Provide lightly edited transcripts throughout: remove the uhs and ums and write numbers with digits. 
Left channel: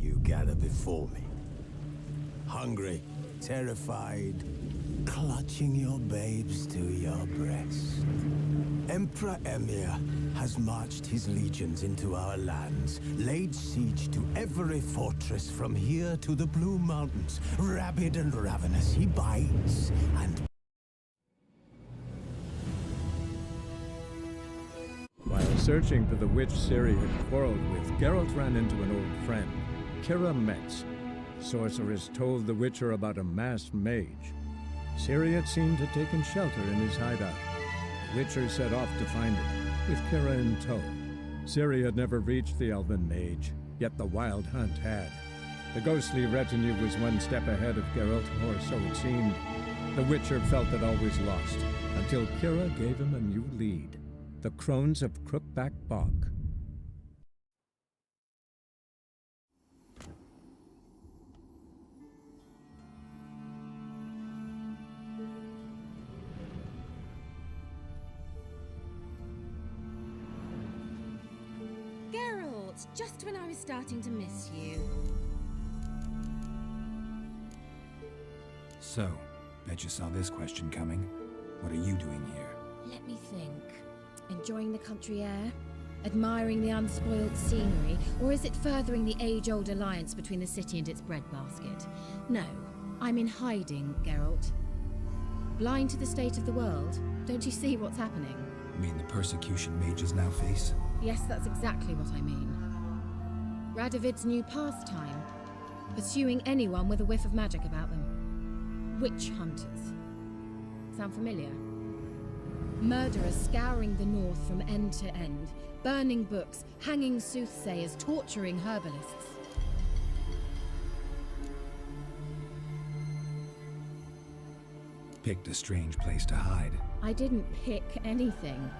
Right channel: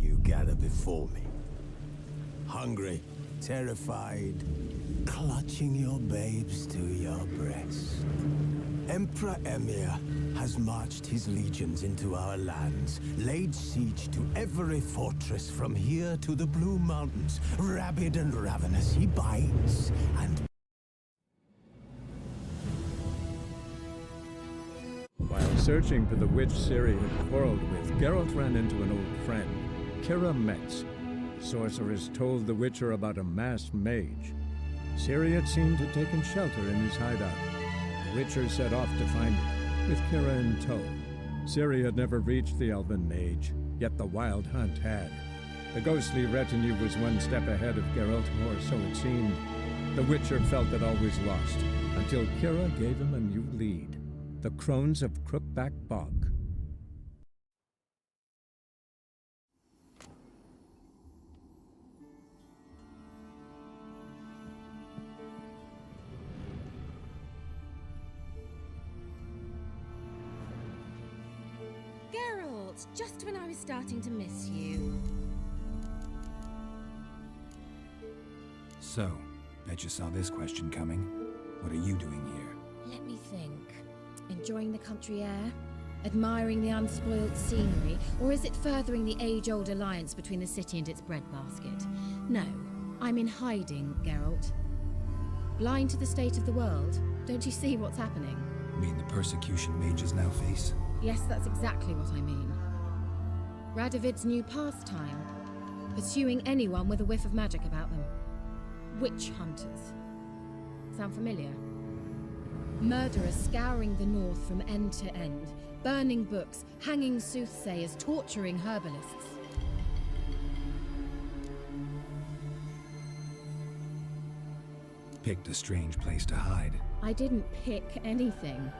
you gather before me. Hungry, terrified, clutching your babes to your breast. Emperor Emhyr has marched his legions into our lands, laid siege to every fortress from here to the Blue Mountains. Rabid and ravenous, he bites and... While searching for the witch Ciri had quarreled with, Geralt ran into an old friend, Keira Metz. The sorceress told the Witcher about a masked mage. Ciri had seemed to have taken shelter in his hideout. The Witcher set off to find it, with Keira in tow. Ciri had never reached the elven mage, yet the Wild Hunt had. The ghostly retinue was one step ahead of Geralt, or so it seemed. The Witcher felt it all was lost, until Keira gave him a new lead. The Crones of Crookback Bog. Geralt, just when I was starting to miss you. So, bet you saw this question coming. What are you doing here? Let me think. Enjoying the country air? Admiring the unspoilt scenery? Or is it furthering the age-old alliance between the city and its breadbasket? No, I'm in hiding, Geralt. Blind to the state of the world? Don't you see what's happening? You mean the persecution mages now face? Yes, that's exactly what I mean. Radovid's new pastime. Pursuing anyone with a whiff of magic about them. Witch hunters. Sound familiar? Murderers scouring the north from end to end, burning books, hanging soothsayers, torturing herbalists. Picked a strange place to hide. I didn't pick anything.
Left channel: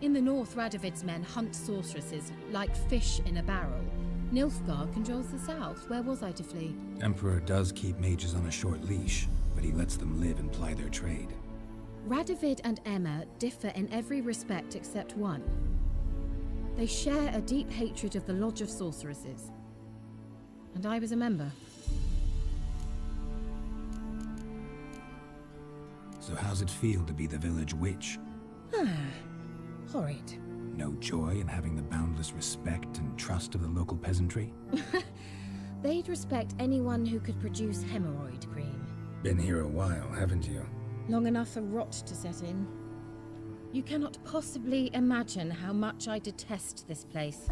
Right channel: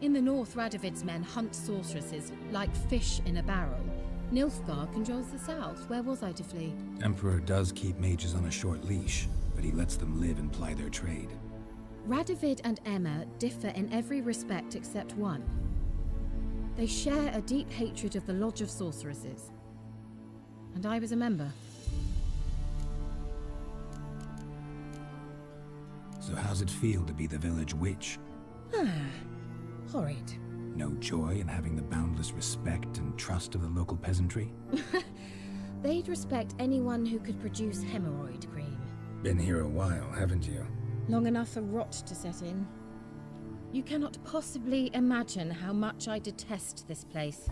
In the north, Radovid's men hunt sorceresses like fish in a barrel. Nilfgaard controls the south. Where was I to flee? Emperor does keep mages on a short leash, but he lets them live and ply their trade. Radovid and Emma differ in every respect except one. They share a deep hatred of the Lodge of Sorceresses. And I was a member. So how's it feel to be the village witch? Horrid. No joy in having the boundless respect and trust of the local peasantry? They'd respect anyone who could produce hemorrhoid cream. Been here a while, haven't you? Long enough for rot to set in. You cannot possibly imagine how much I detest this place.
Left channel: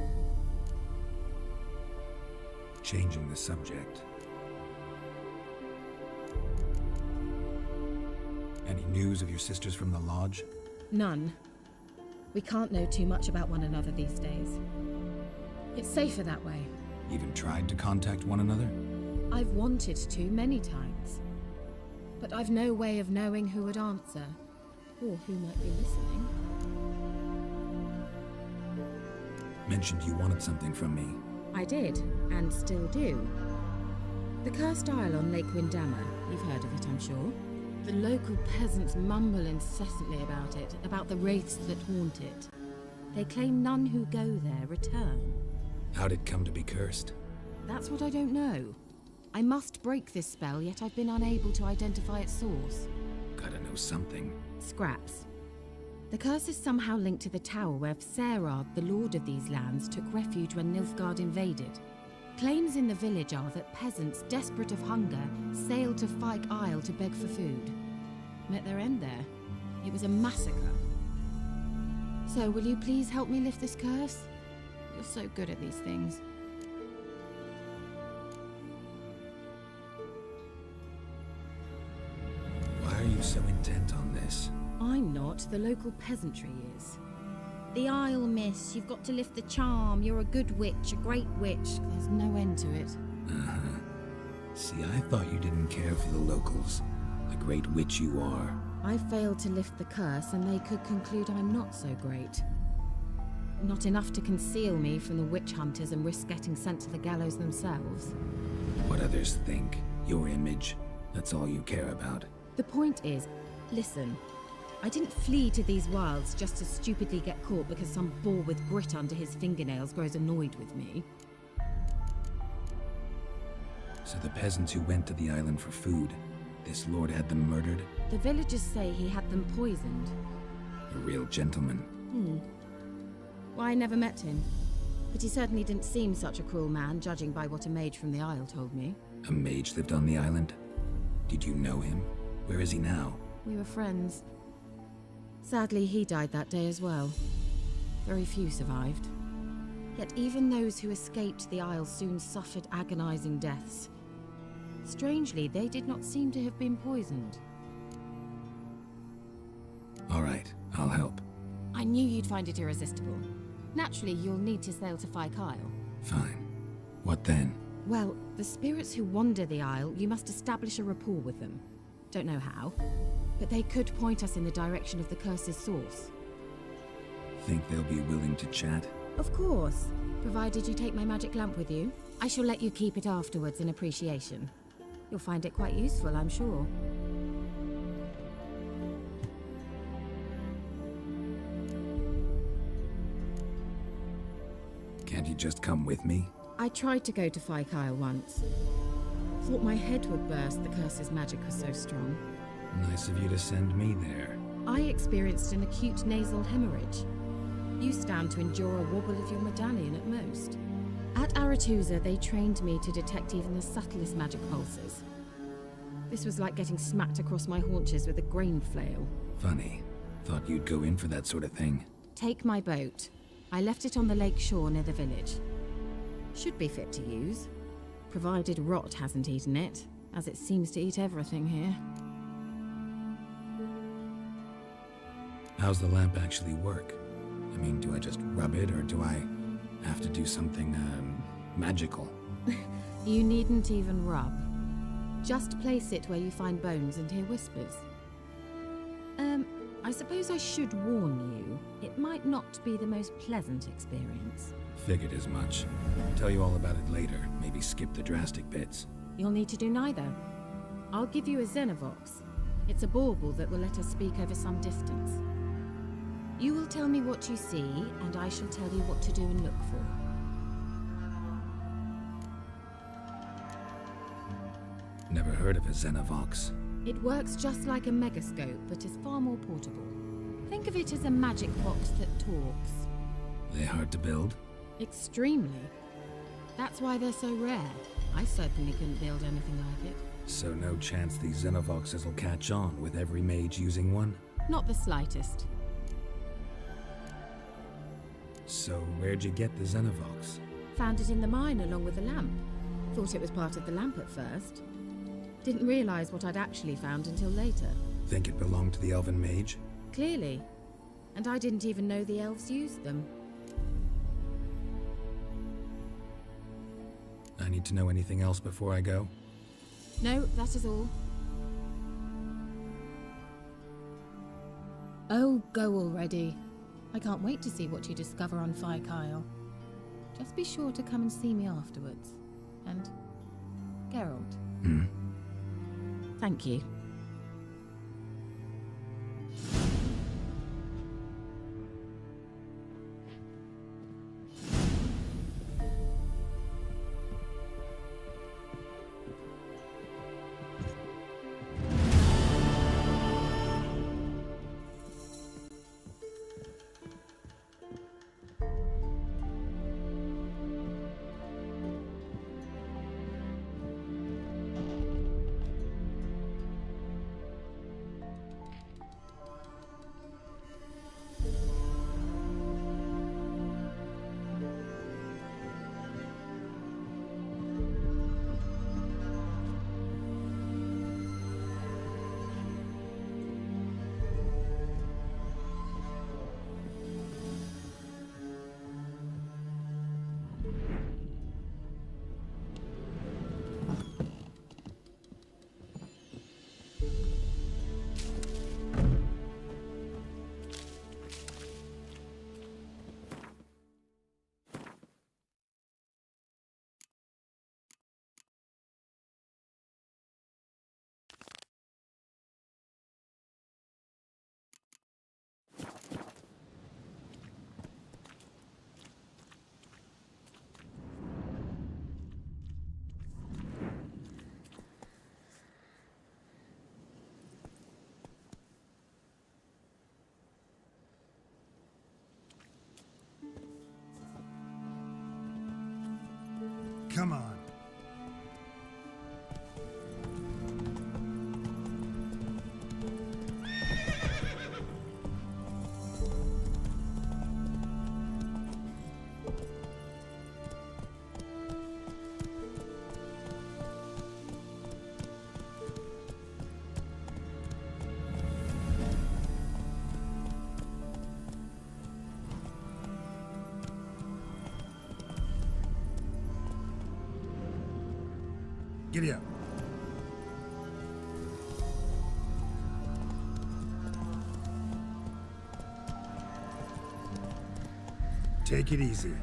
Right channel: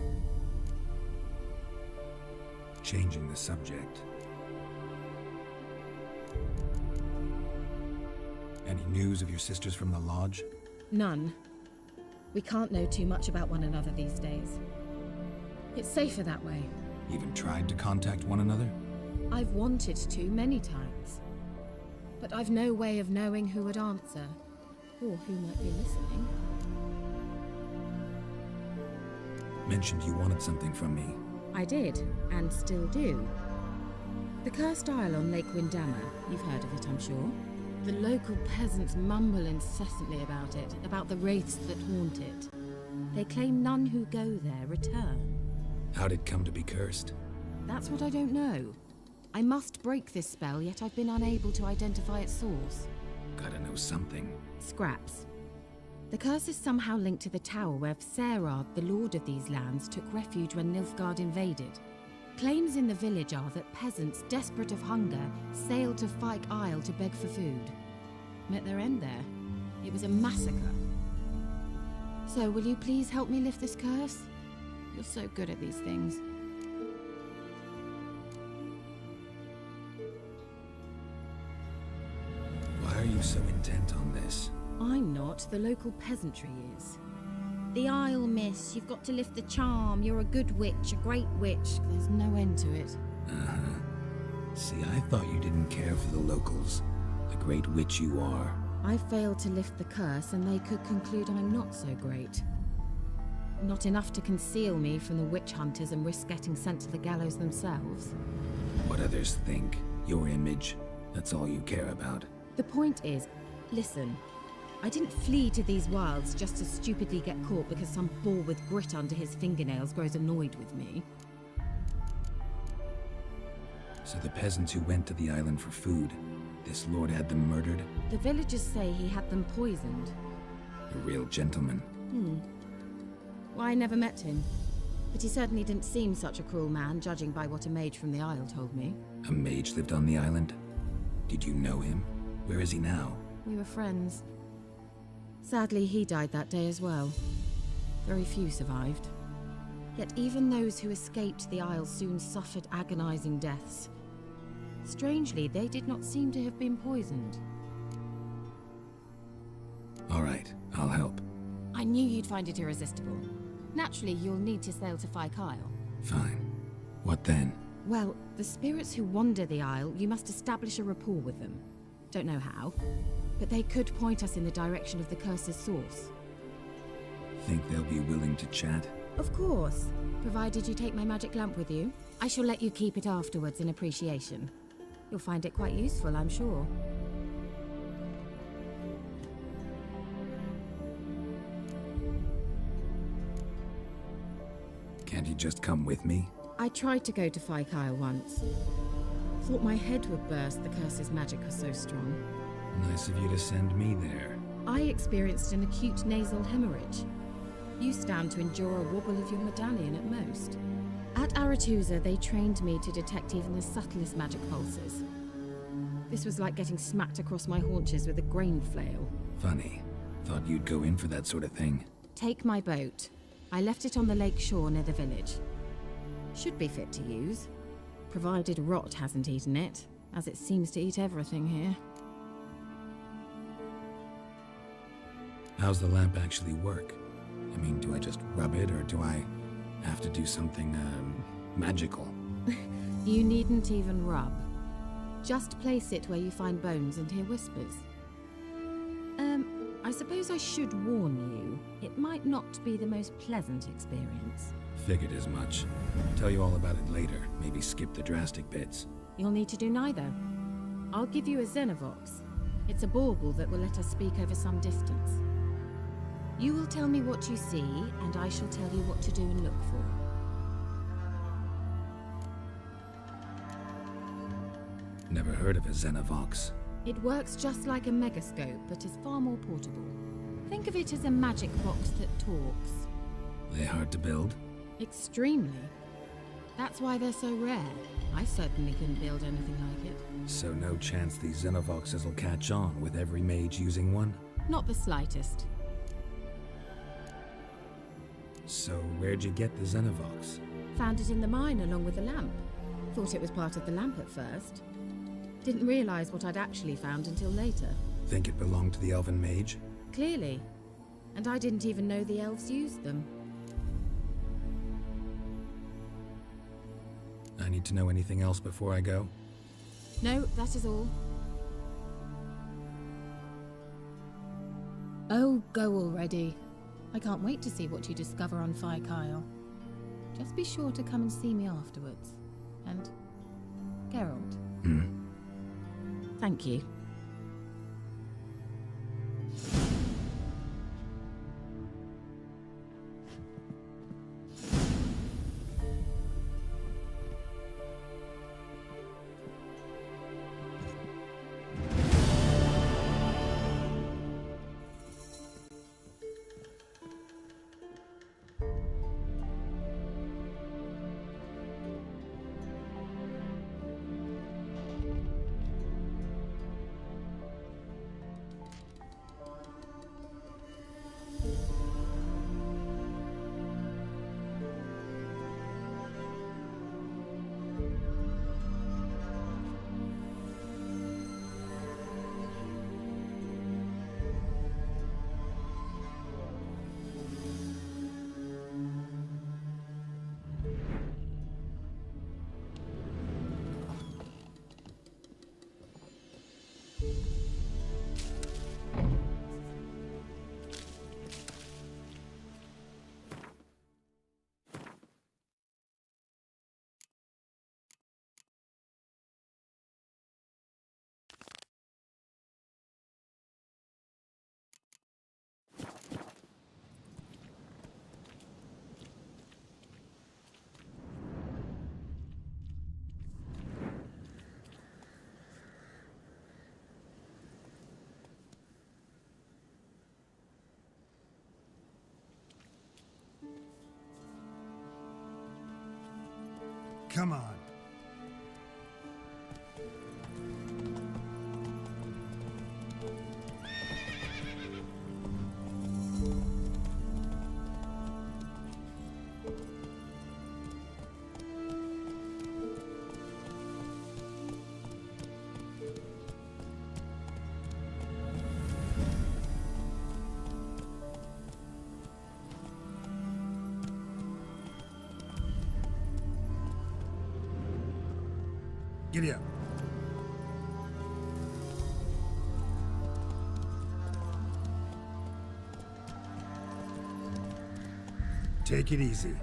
Changing the subject. Any news of your sisters from the lodge? None. We can't know too much about one another these days. It's safer that way. Even tried to contact one another? I've wanted to many times. But I've no way of knowing who would answer, or who might be listening. Mentioned you wanted something from me. I did, and still do. The Cursed Isle on Lake Windammer. You've heard of it, I'm sure. The local peasants mumble incessantly about it, about the wraiths that haunt it. They claim none who go there return. How'd it come to be cursed? That's what I don't know. I must break this spell, yet I've been unable to identify its source. Gotta know something. Scraps. The curse is somehow linked to the tower where Serad, the lord of these lands, took refuge when Nilfgaard invaded. Claims in the village are that peasants, desperate of hunger, sailed to Fyke Isle to beg for food. Met their end there. It was a massacre. So, will you please help me lift this curse? You're so good at these things. Why are you so intent on this? I'm not. The local peasantry is. The Isle, miss. You've got to lift the charm. You're a good witch, a great witch. There's no end to it. Uh-huh. See, I thought you didn't care for the locals. The great witch you are. I failed to lift the curse, and they could conclude I'm not so great. Not enough to conceal me from the witch hunters and risk getting sent to the gallows themselves. What others think. Your image. That's all you care about. The point is, listen. I didn't flee to these wilds just to stupidly get caught because some boar with grit under his fingernails grows annoyed with me. So the peasants who went to the island for food, this lord had them murdered? The villagers say he had them poisoned. A real gentleman. Well, I never met him. But he certainly didn't seem such a cruel man, judging by what a mage from the Isle told me. A mage lived on the island? Did you know him? Where is he now? We were friends. Sadly, he died that day as well. Very few survived. Yet even those who escaped the Isle soon suffered agonizing deaths. Strangely, they did not seem to have been poisoned. All right, I'll help. I knew you'd find it irresistible. Naturally, you'll need to sail to Fyke Isle. Fine. What then? Well, the spirits who wander the Isle, you must establish a rapport with them. Don't know how, but they could point us in the direction of the curse's source. Think they'll be willing to chat? Of course, provided you take my magic lamp with you. I shall let you keep it afterwards in appreciation. You'll find it quite useful, I'm sure. Can't you just come with me? I tried to go to Fyke Isle once. Thought my head would burst, the curse's magic was so strong. Nice of you to send me there. I experienced an acute nasal hemorrhage. You stand to endure a wobble of your medallion at most. At Aretusa, they trained me to detect even the subtlest magic pulses. This was like getting smacked across my haunches with a grain flail. Funny. Thought you'd go in for that sort of thing. Take my boat. I left it on the lake shore near the village. Should be fit to use, provided rot hasn't eaten it, as it seems to eat everything here. How's the lamp actually work? I mean, do I just rub it, or do I have to do something, magical? You needn't even rub. Just place it where you find bones and hear whispers. I suppose I should warn you, it might not be the most pleasant experience. Figured as much. Tell you all about it later, maybe skip the drastic bits. You'll need to do neither. I'll give you a Xenovox. It's a bauble that will let us speak over some distance. You will tell me what you see, and I shall tell you what to do and look for. Never heard of a Xenovox. It works just like a megascope, but is far more portable. Think of it as a magic box that talks. They hard to build? Extremely. That's why they're so rare. I certainly couldn't build anything like it. So no chance these Xenovoxes will catch on with every mage using one? Not the slightest. So where'd you get the Xenovox? Found it in the mine along with the lamp. Thought it was part of the lamp at first. Didn't realize what I'd actually found until later. Think it belonged to the elven mage? Clearly. And I didn't even know the elves used them. I need to know anything else before I go? No, that is all. Oh, go already. I can't wait to see what you discover on Fyke Isle. Just be sure to come and see me afterwards. And Geralt. Thank you. Come on. Giddy up. Take it easy.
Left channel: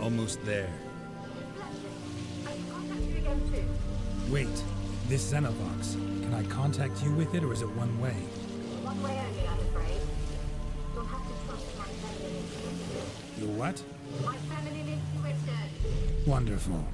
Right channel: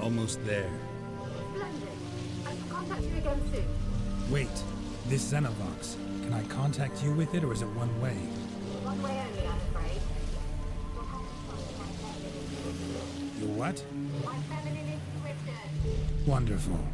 Almost there. Splendid. I can contact you again soon. Wait, this Xenovox. Can I contact you with it, or is it one way? One way only, I'm afraid. You'll have to trust my family. Your what? My family is Twitter. Wonderful.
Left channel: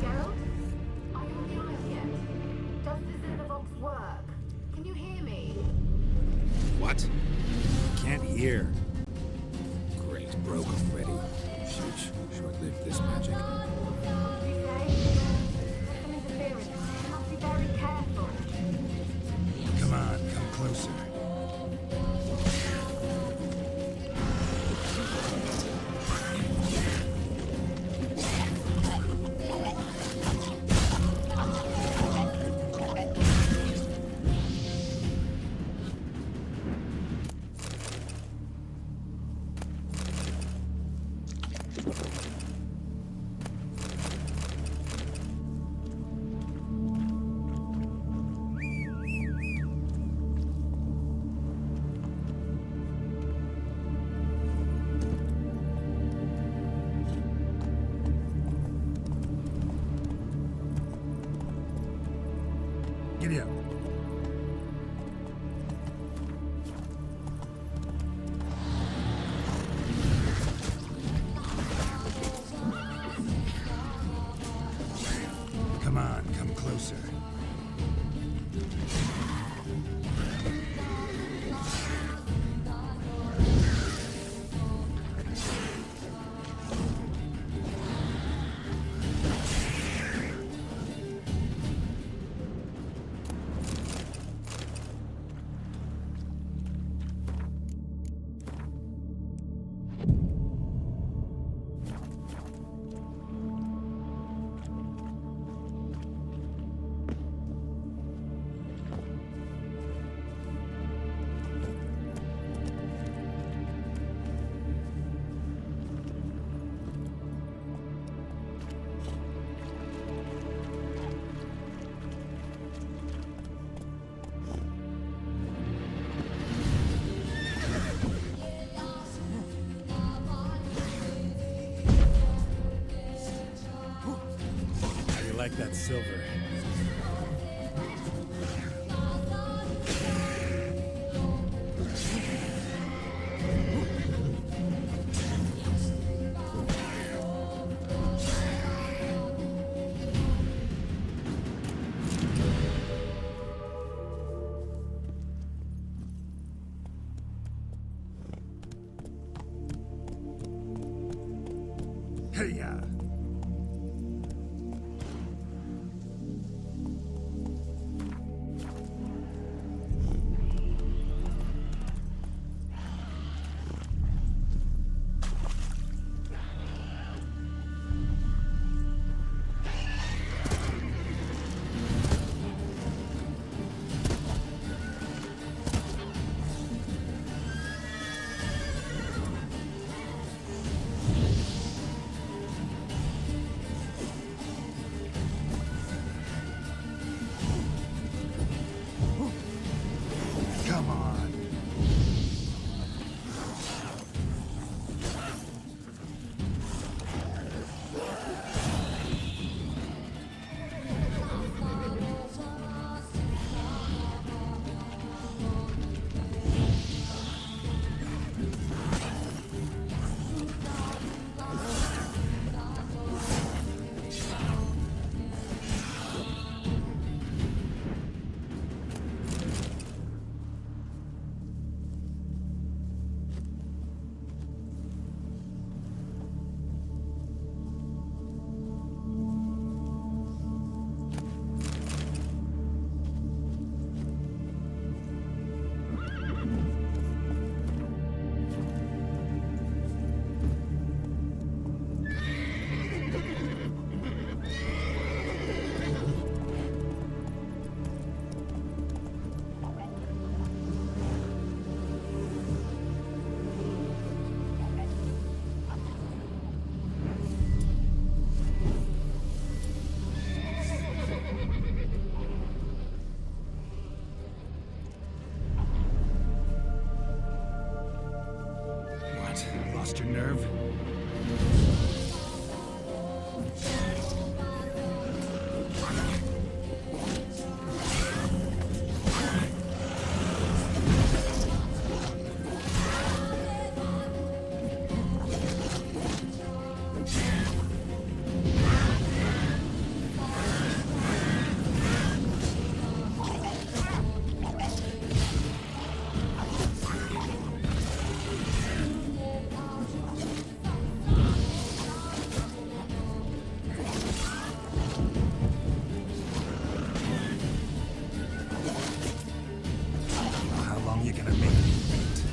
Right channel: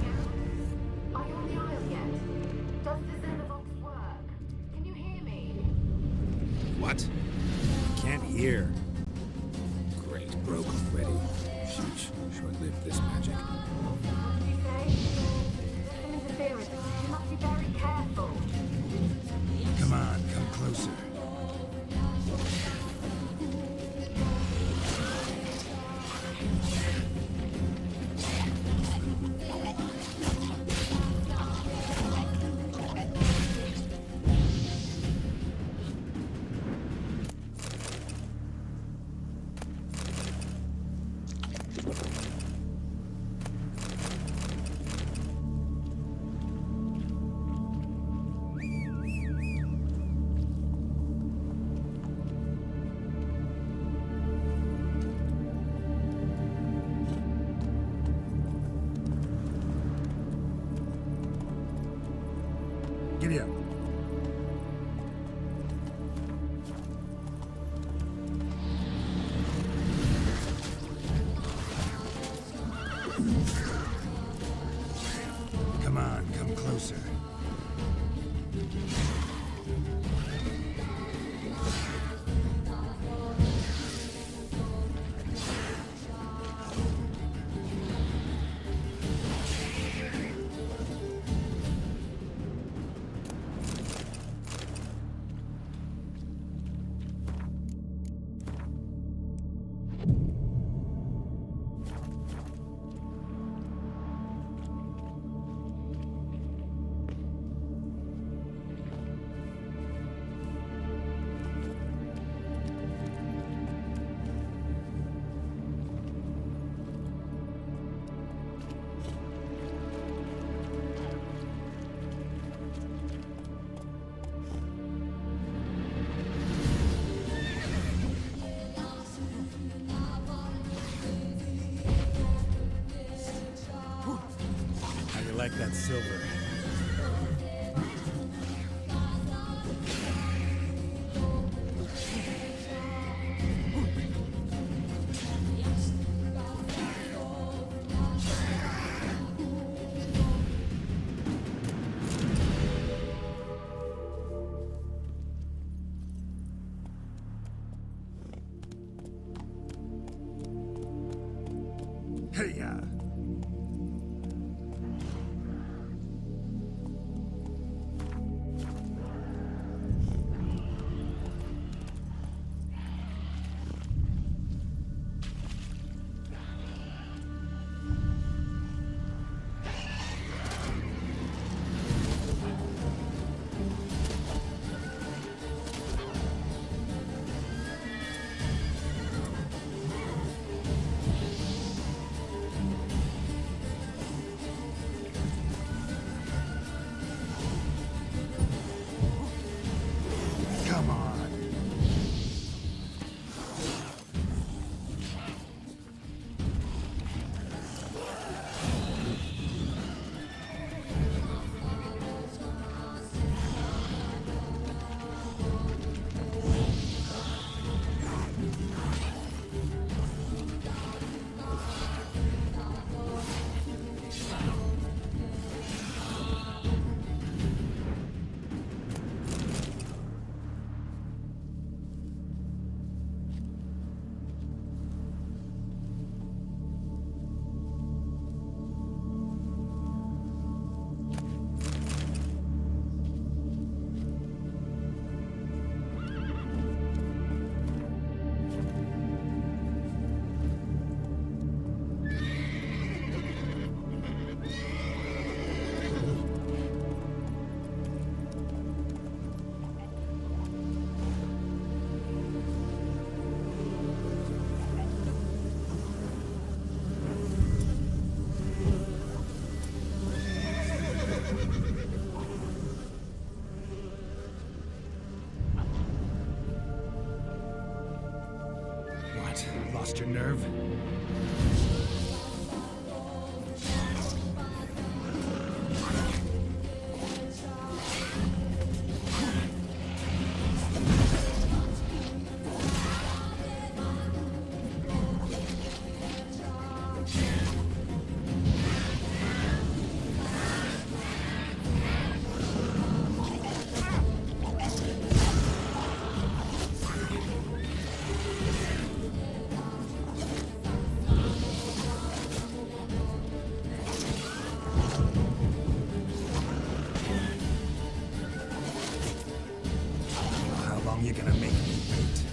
Geralt? Are you on the Isle yet? Does the Xenovox work? Can you hear me? What? I can't hear. Great, broke already. Sheesh, short-lived this magic. What did you say? There's some interference. You must be very careful. Come on, come closer. Giddy up. Come on, come closer. How do you like that silver? Hey-ya! Come on. What? Lost your nerve? How long you gonna make me wait?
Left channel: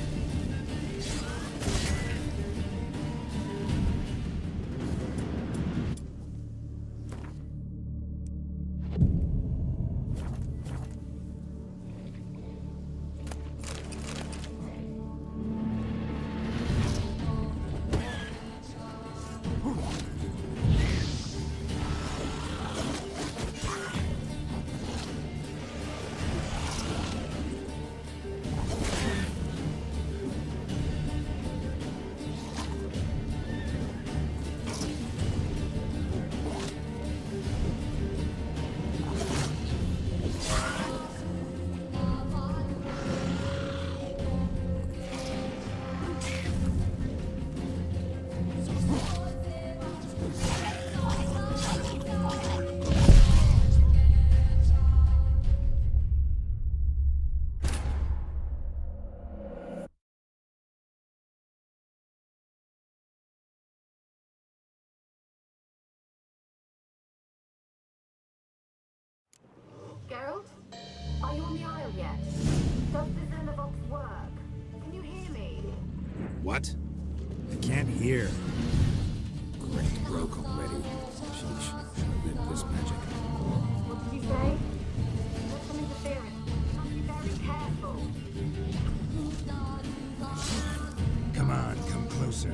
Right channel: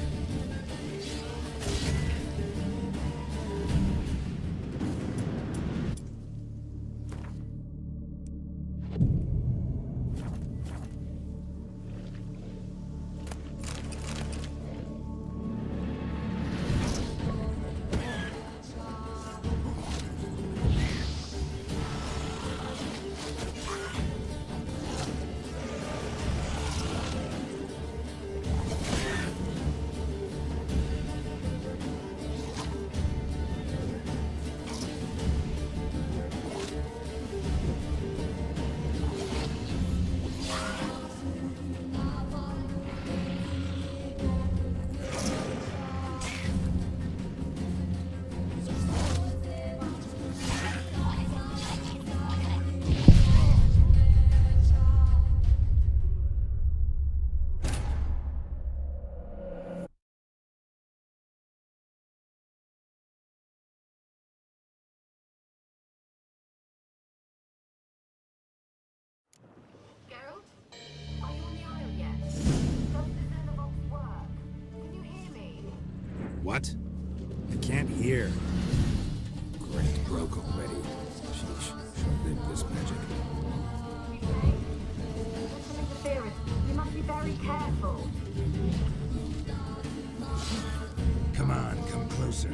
Geralt? Are you on the Isle yet? Does the Xenovox work? Can you hear me? What? I can't hear. Great, broke already. Sheesh, short-lived this magic. Did you say? There's some interference. You must be very careful. Come on, come closer.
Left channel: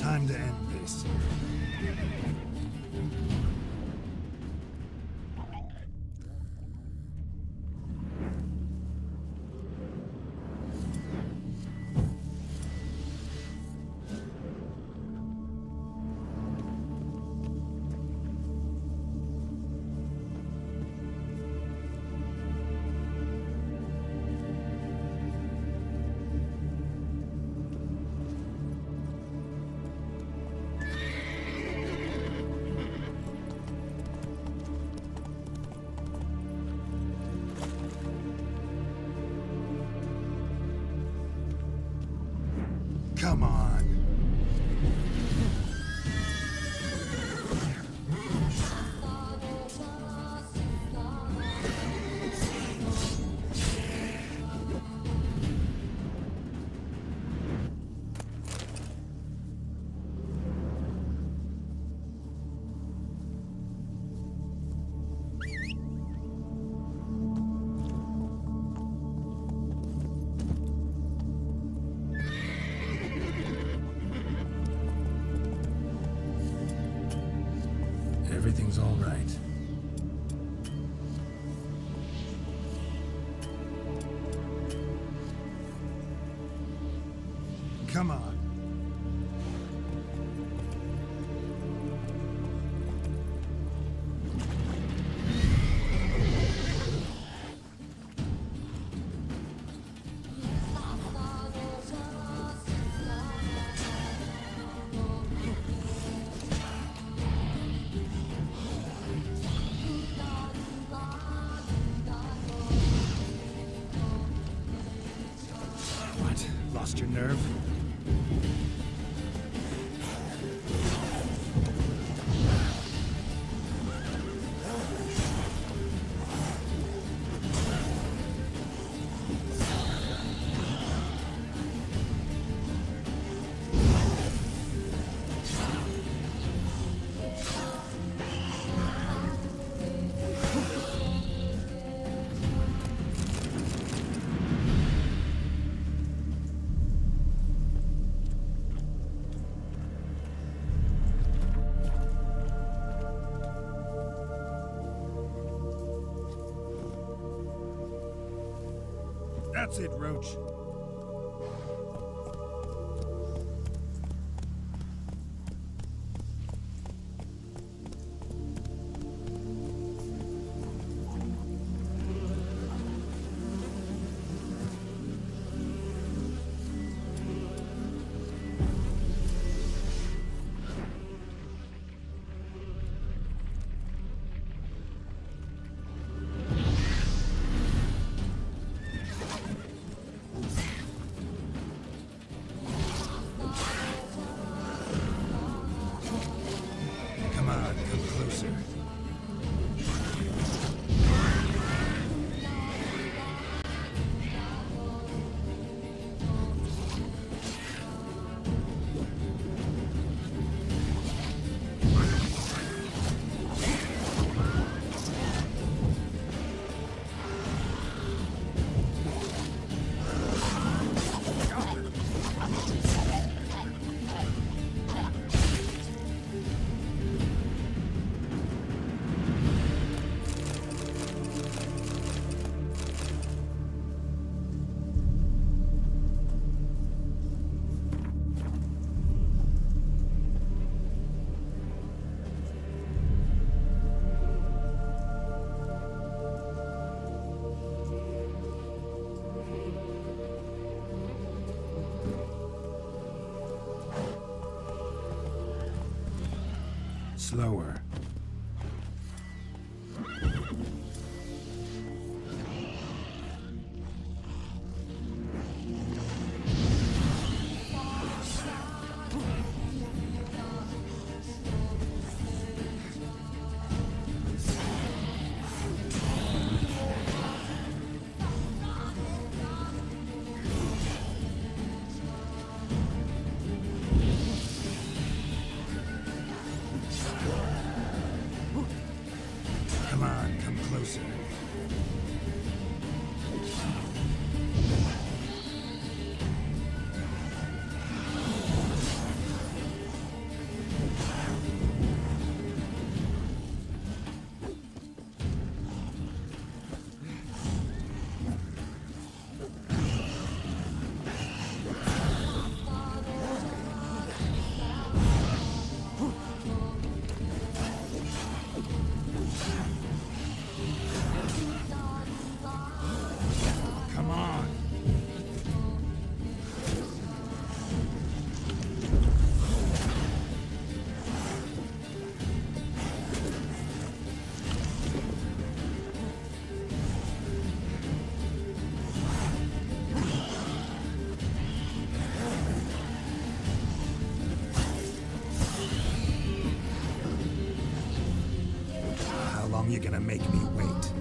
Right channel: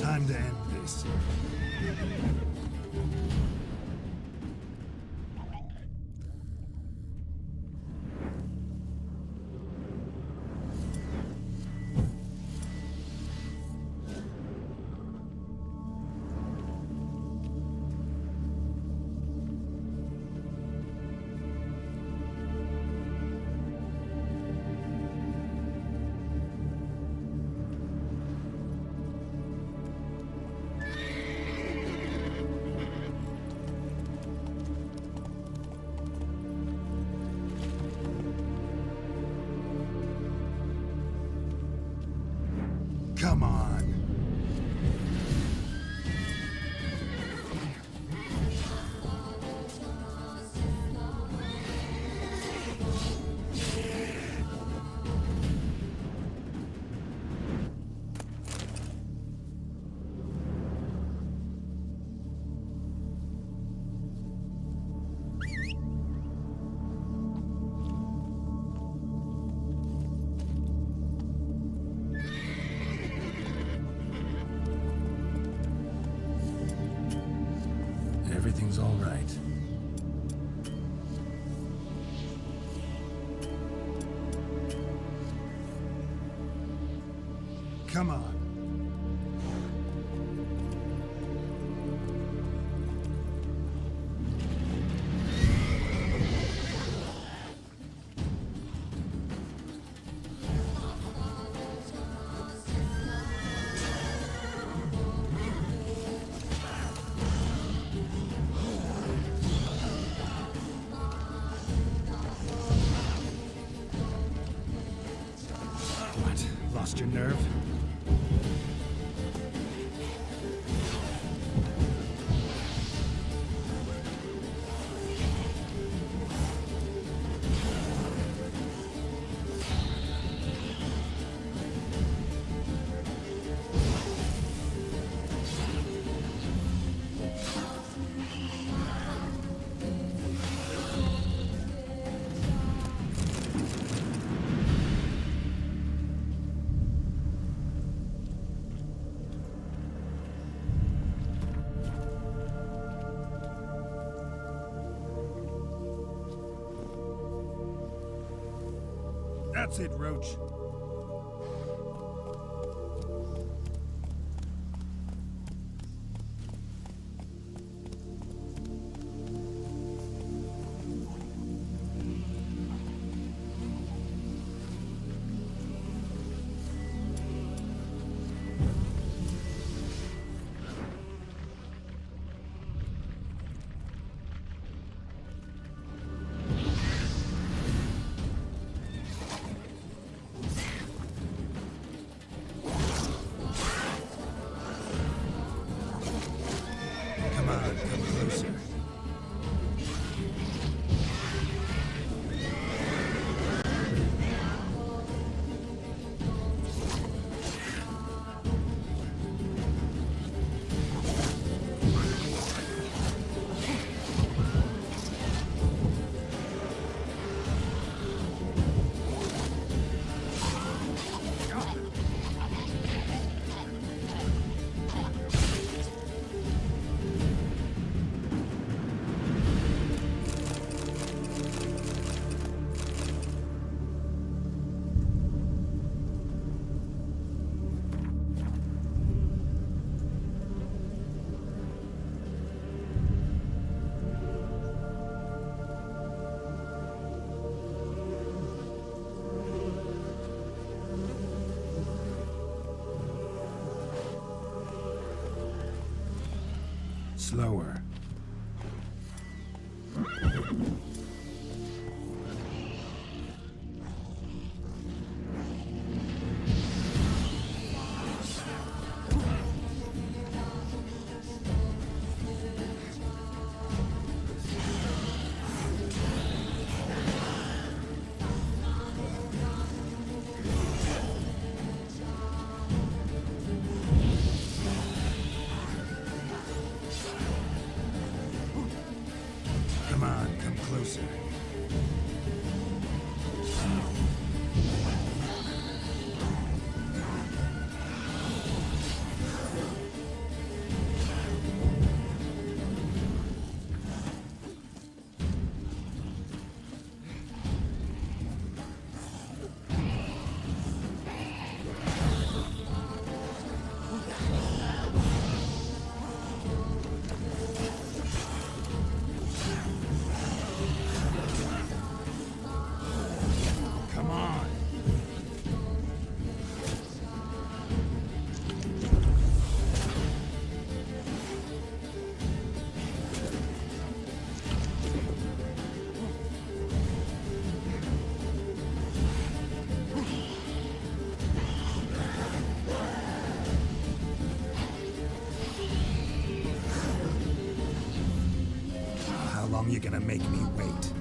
Time to end this. Come on. Everything's all right. Come on. What? Lost your nerve? That's it, Roach. on, come closer. Slower. Come on, come closer. Come on. How long you gonna make me wait?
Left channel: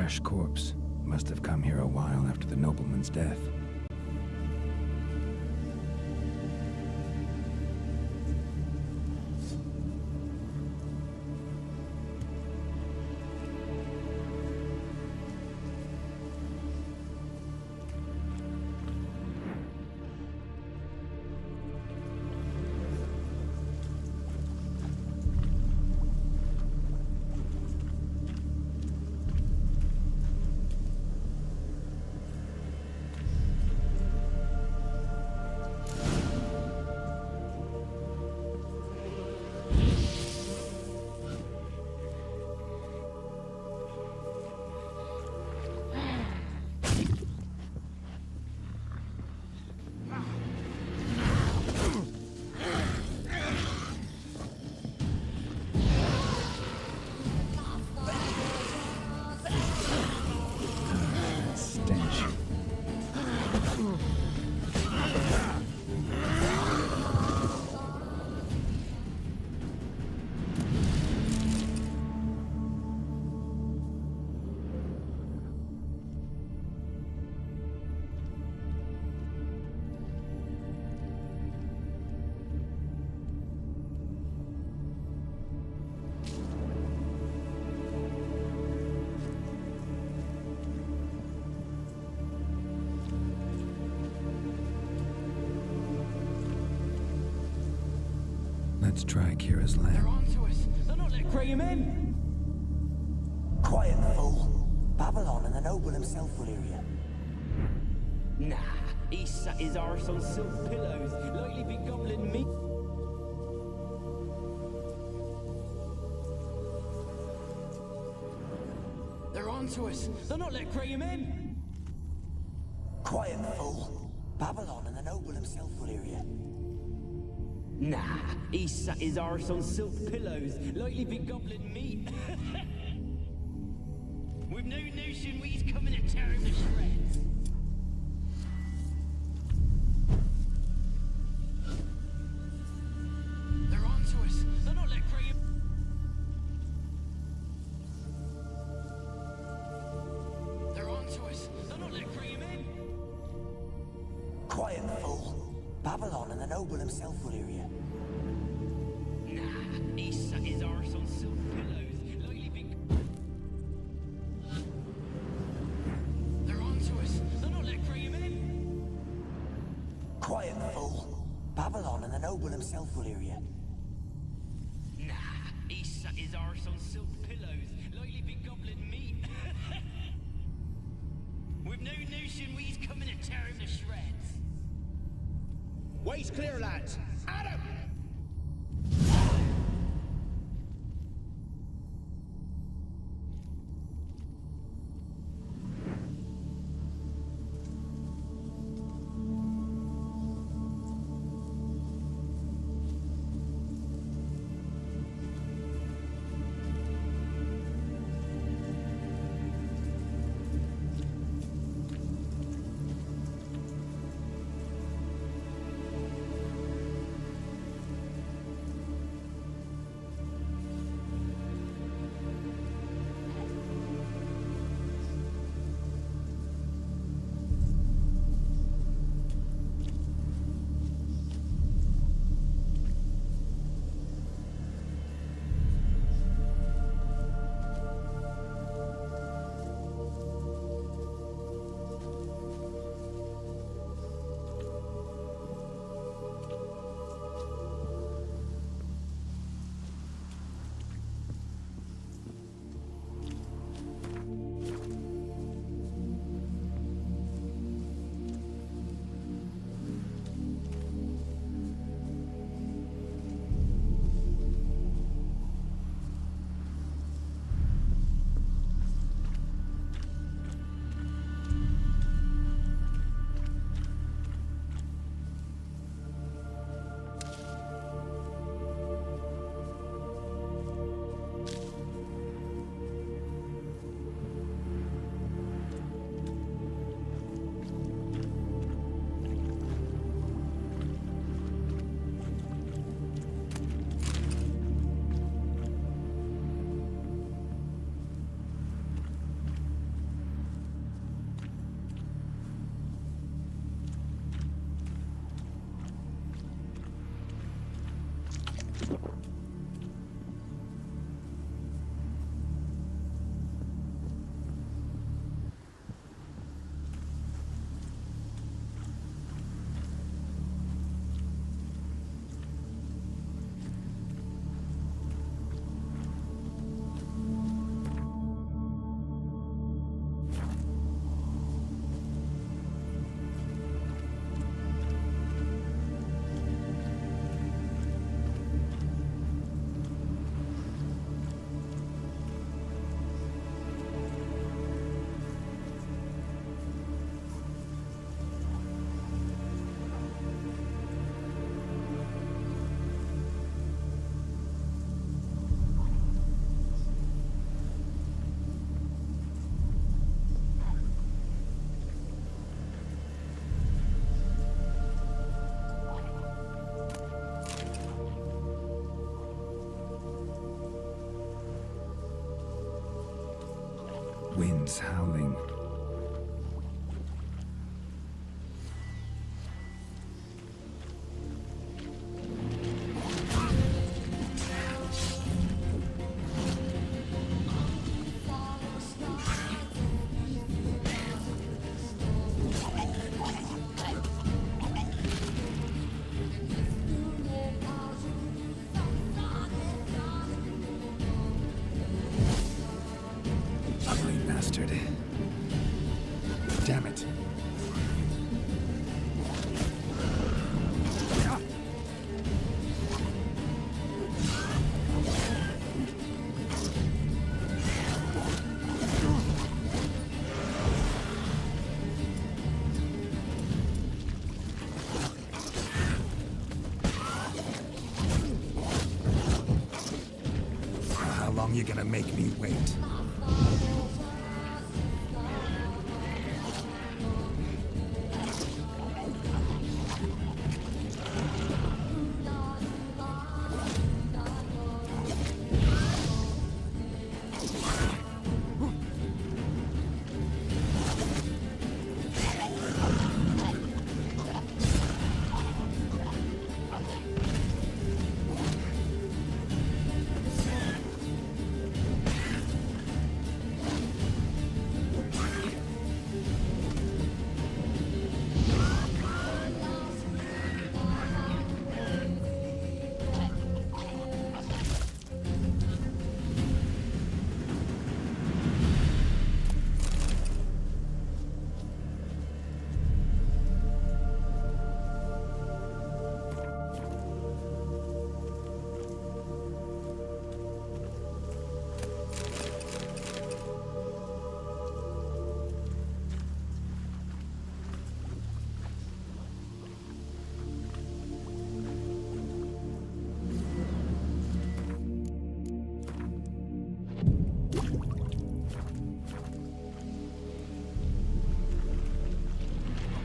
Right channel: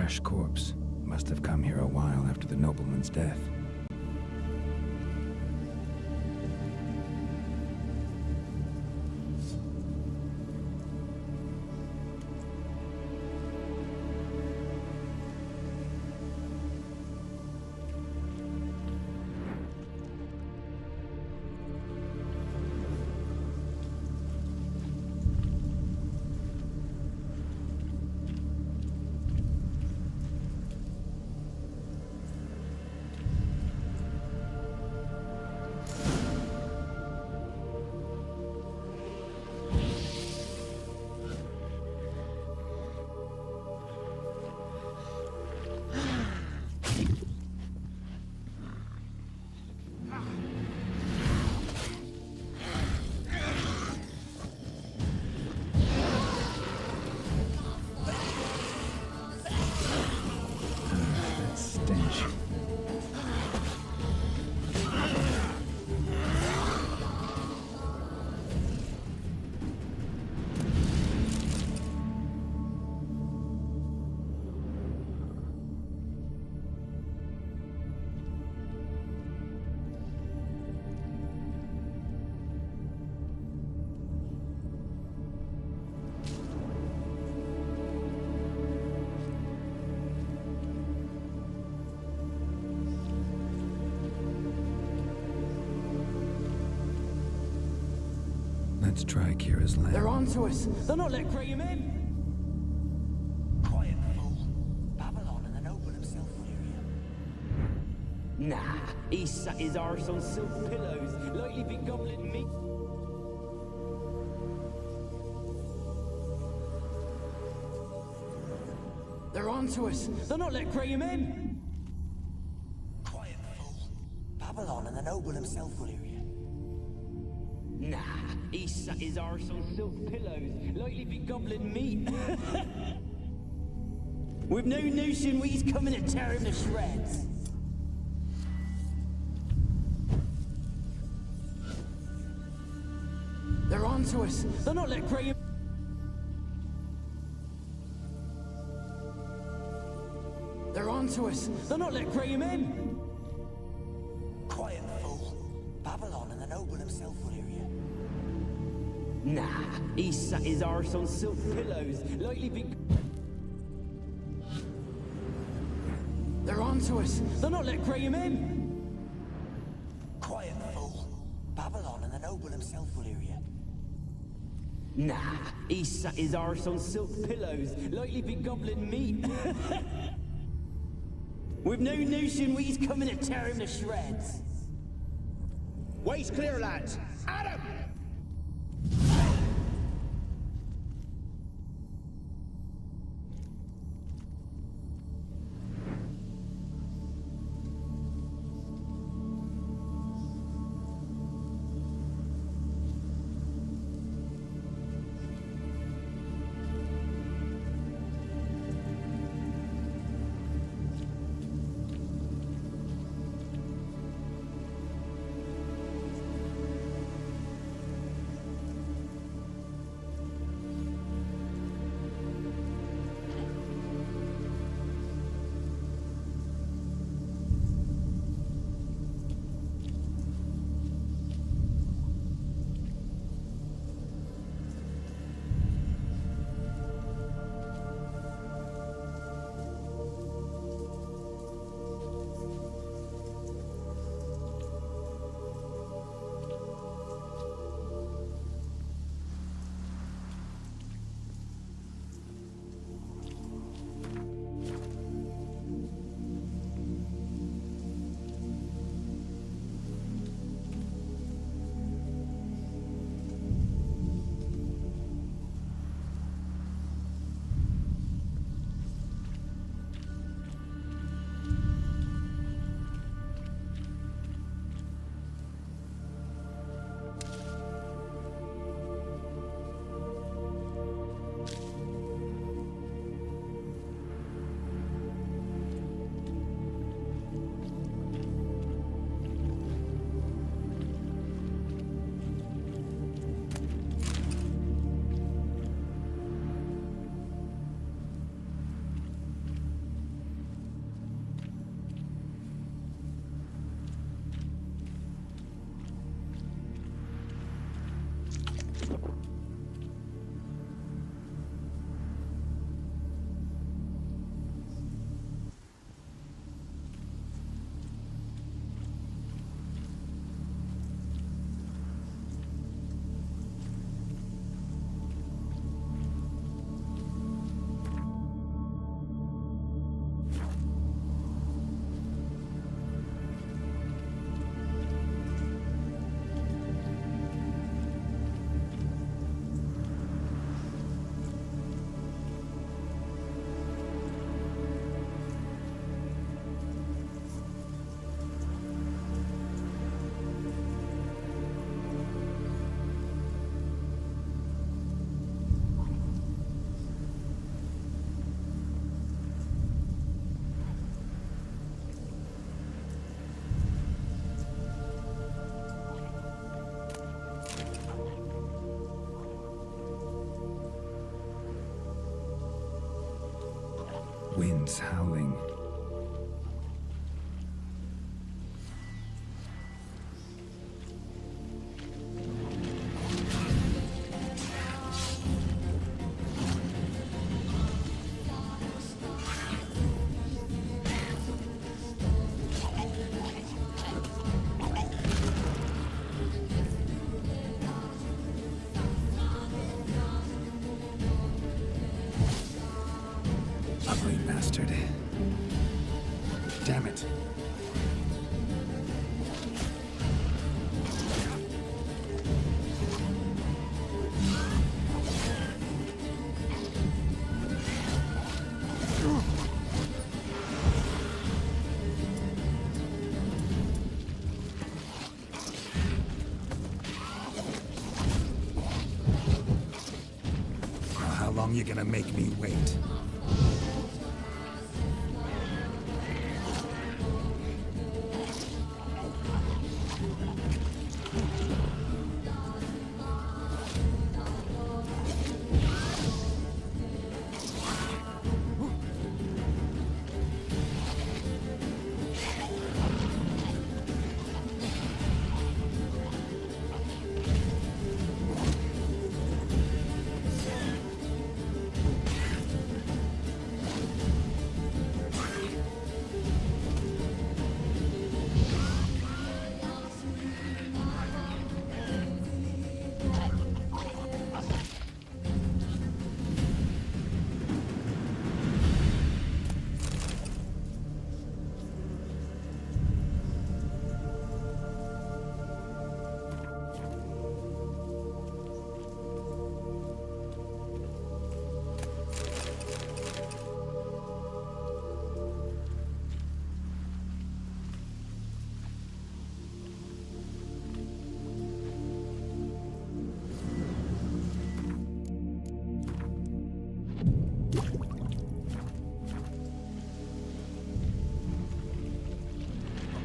fresh corpse. Must have come here a while after the nobleman's death. Stench. Let's try Kira's They're lamp. onto us. They'll not let Graham in. Quiet, fool. Babylon and the noble himself will hear you. Nah, he sat his arse on silk pillows, likely be gobbling meat. They're onto us. They'll not let Graham in. Quiet, fool. Babylon and the noble himself will hear you. Nah, he sat his arse on silk pillows, likely be gobbling meat. With no notion we's coming to tear him to shreds. They're onto us. They'll not let Graham. They're onto us. They'll not let Graham in. Quiet, fool. Babylon and the noble himself will hear you. Nah, he sat his arse on silk pillows, likely be. They're onto us. They'll not let Graham in. Quiet, fool. Babylon and the noble himself will hear you. Nah, he sat his arse on silk pillows, likely be gobbling meat. With no notion we's coming to tear him to shreds. Way's clear, lads. Adam! winds howling. Ugly bastard. Damn it. How long you gonna make me wait?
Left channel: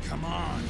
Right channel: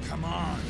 Come on!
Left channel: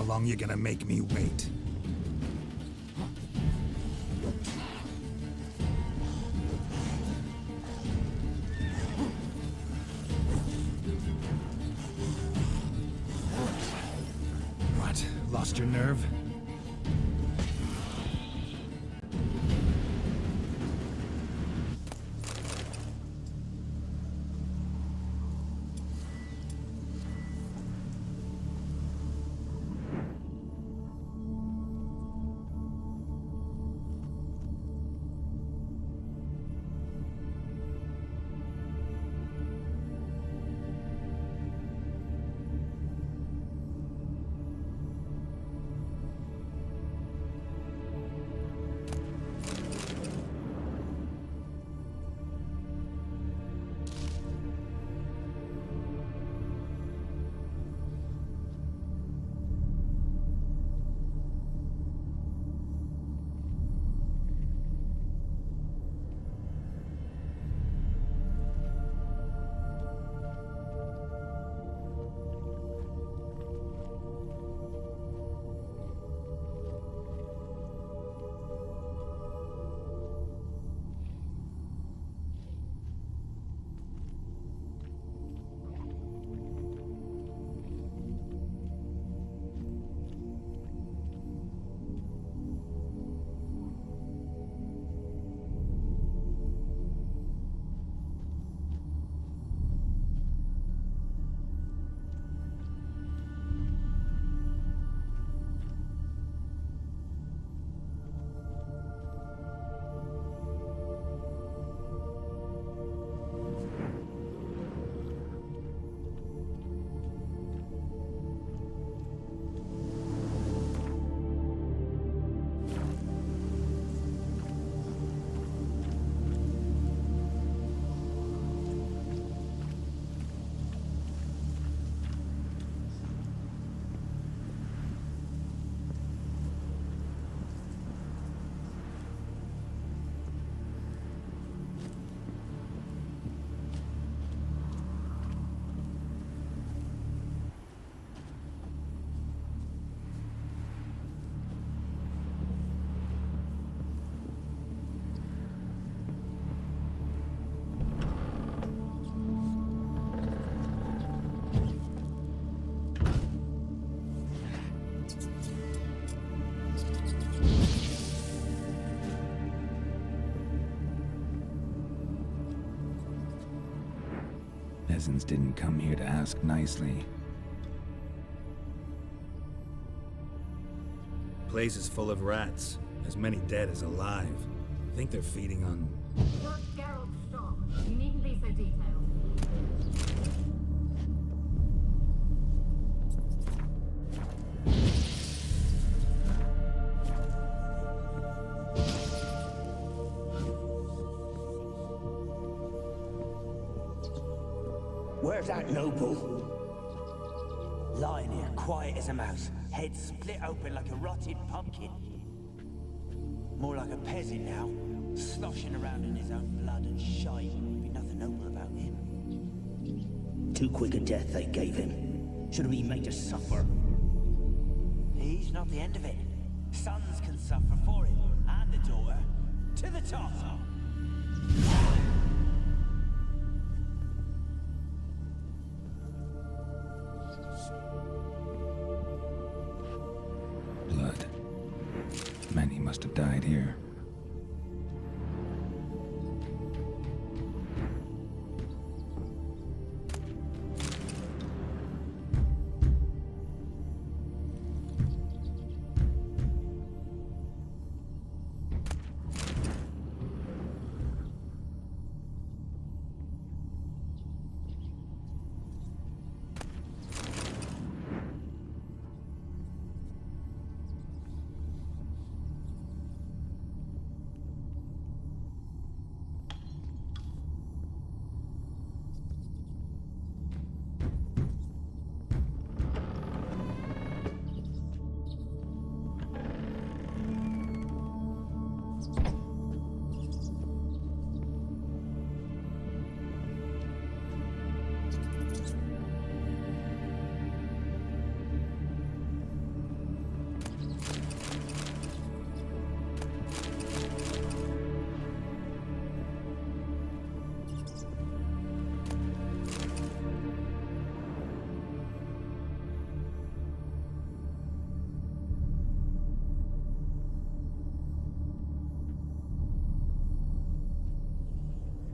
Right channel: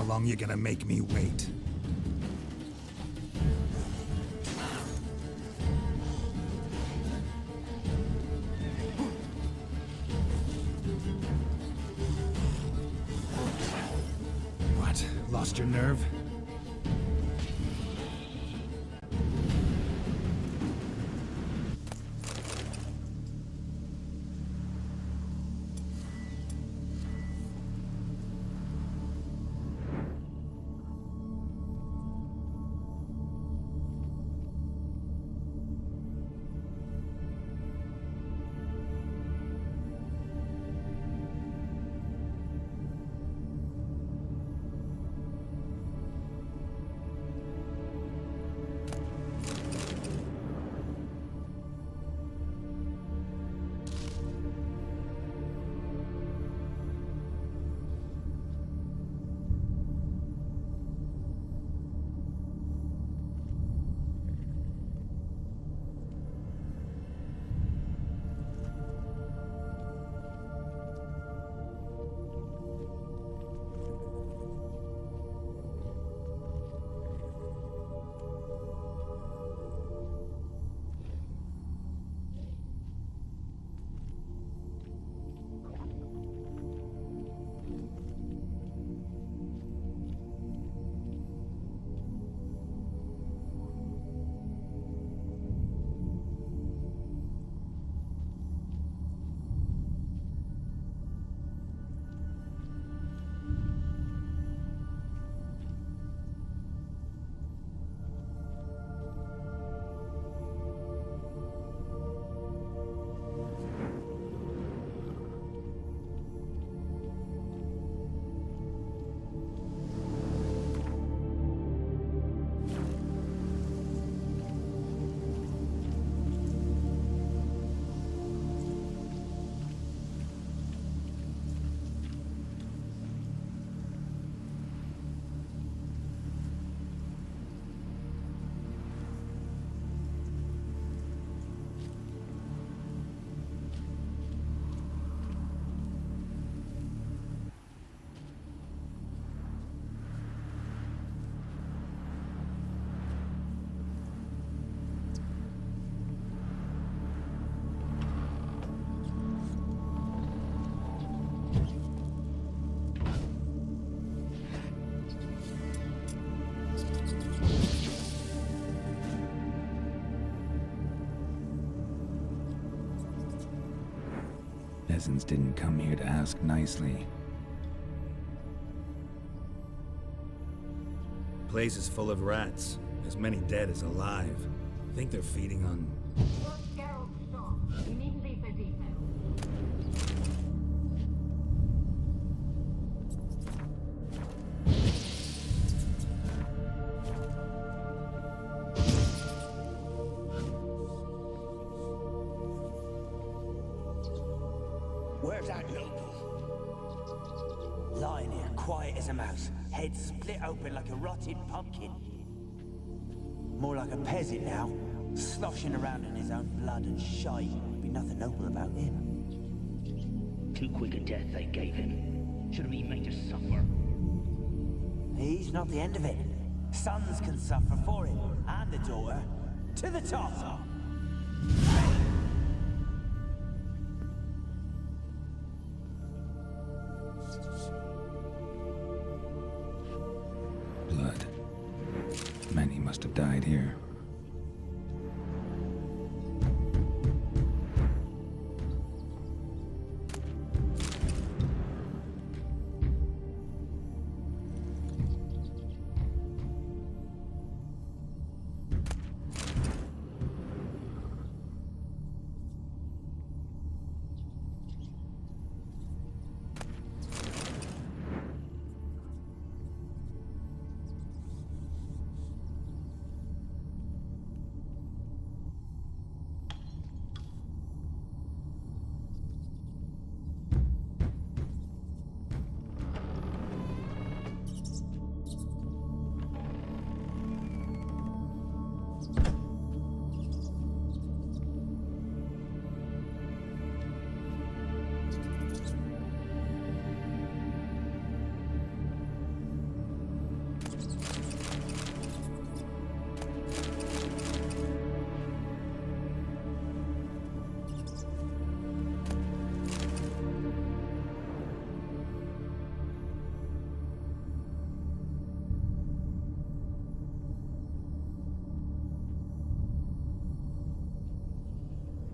How long you gonna make me wait? What? Lost your nerve? peasants didn't come here to ask nicely. Place is full of rats. As many dead as alive. Think they're feeding on... Where's that noble? Lying here, quiet as a mouse, head split open like a rotted pumpkin. More like a peasant now, sloshing around in his own blood and shite. Be nothing noble about him. Too quick a death they gave him. Should have been made to suffer. He's not the end of it. Sons can suffer for him, and the daughter. To the top! Blood. Many must have died here.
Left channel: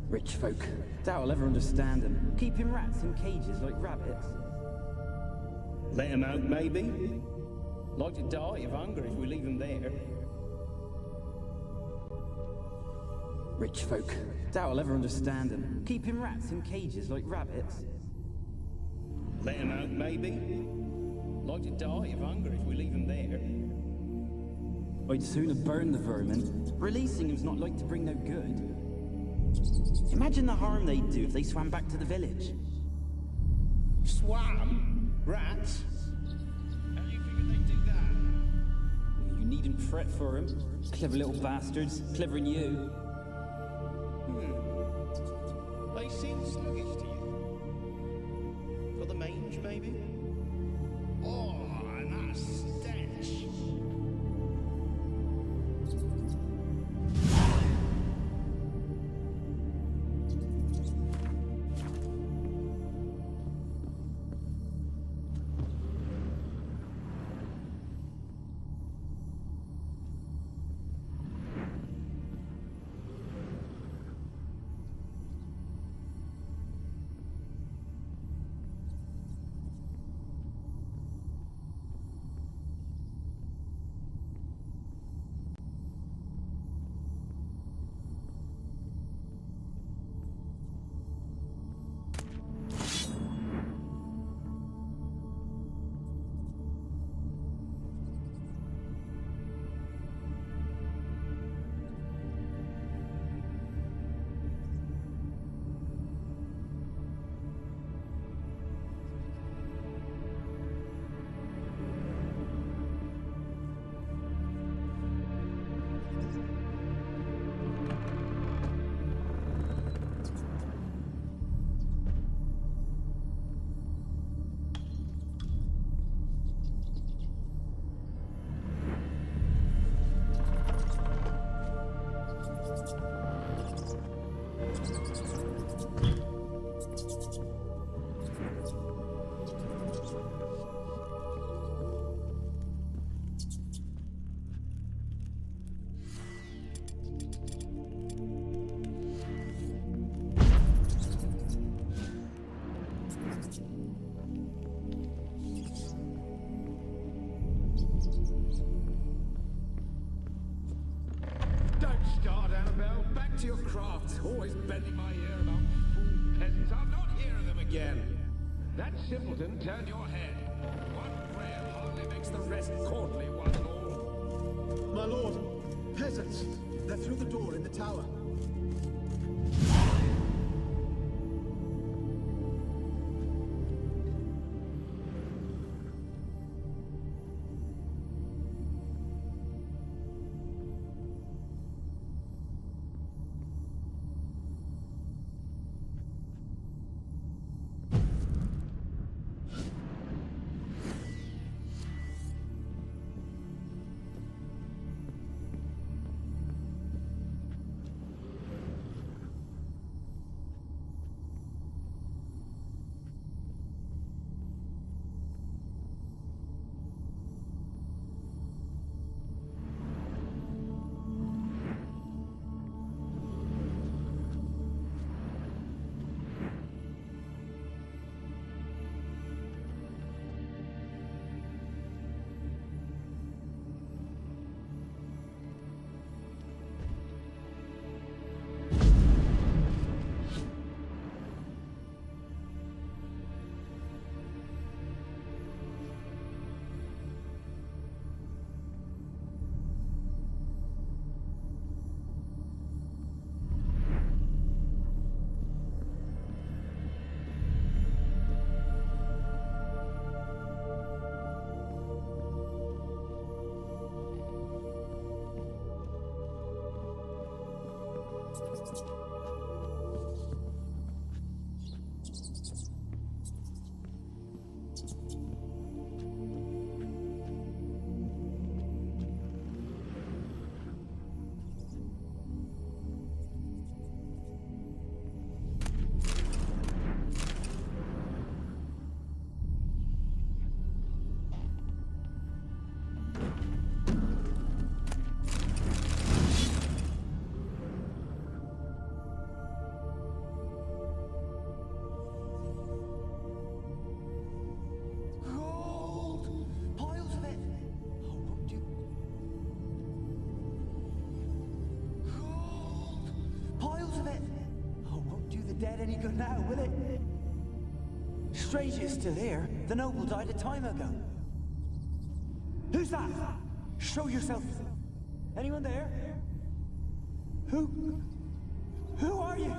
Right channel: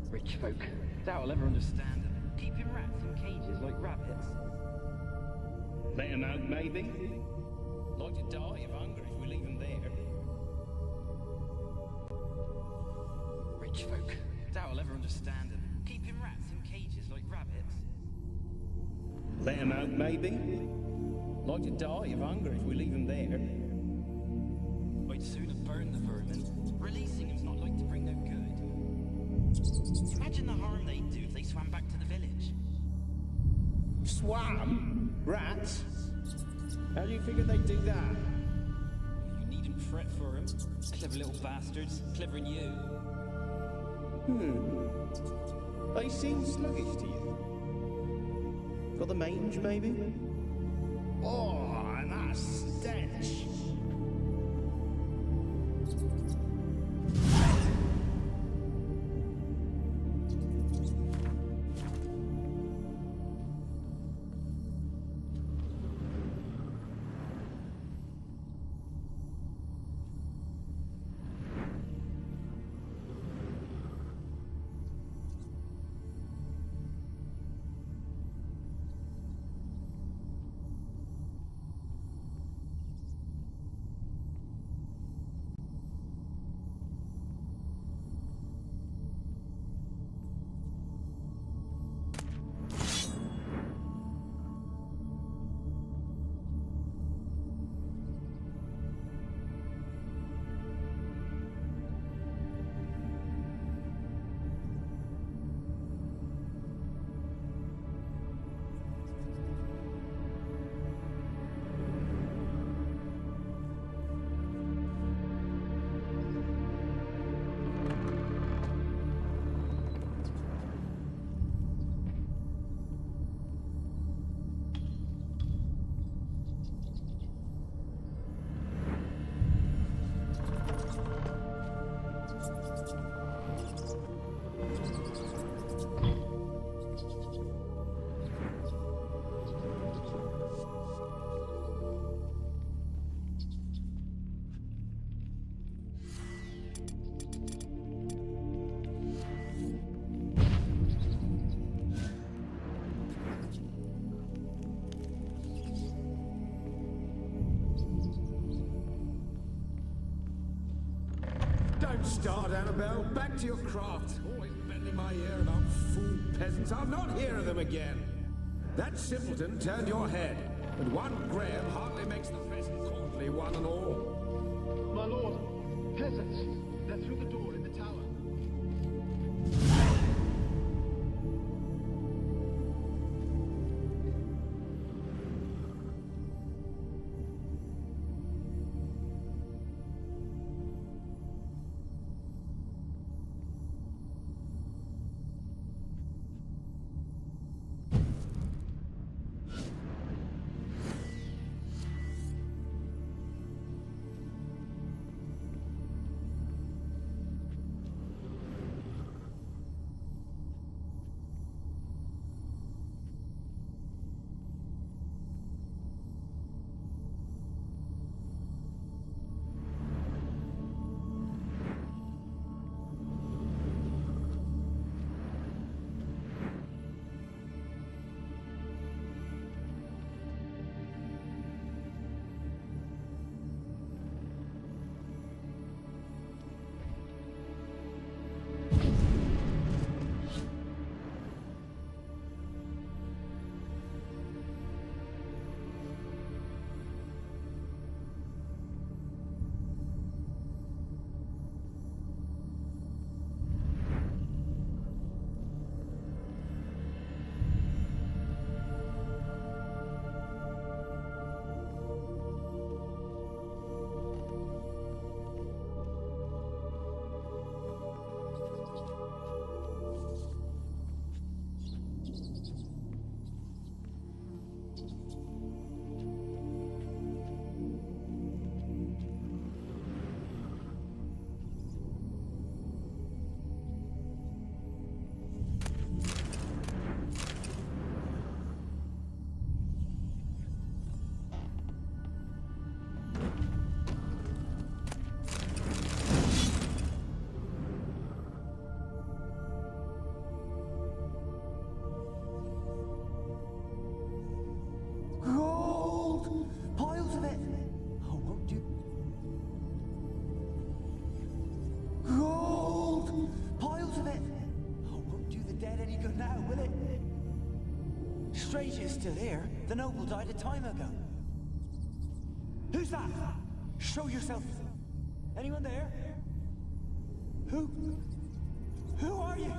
Rich folk. Doubt I'll ever understand them. Keeping rats in cages like rabbits. Let them out, maybe? Like to die of hunger if we leave them there. Rich folk. Doubt I'll ever understand them. Keeping rats in cages like rabbits. Let them out, maybe? Like to die of hunger if we leave them there. I'd sooner burn the vermin. Releasing them's not like to bring no good. Imagine the harm they'd do if they swam back to the village. Swam? Rats? How do you figure they'd do that? You needn't fret for them. Clever little bastards. Clever than you. They seem sluggish to you. Got the mange, maybe? Oh, and that stench! to your craft. Always bending my ear about fool peasants. I'll not hear of them again. That simpleton turned your head, and one Graham hardly makes the rest courtly, one and all. My lord, peasants. They're through the door in the tower. Gold! Piles of it! Oh, won't you? Gold! Piles of it! Oh, won't do the dead any good now, will it? Strange it's still here. The noble died a time ago. Who's that? Show yourself. Anyone there? Who? Who are you?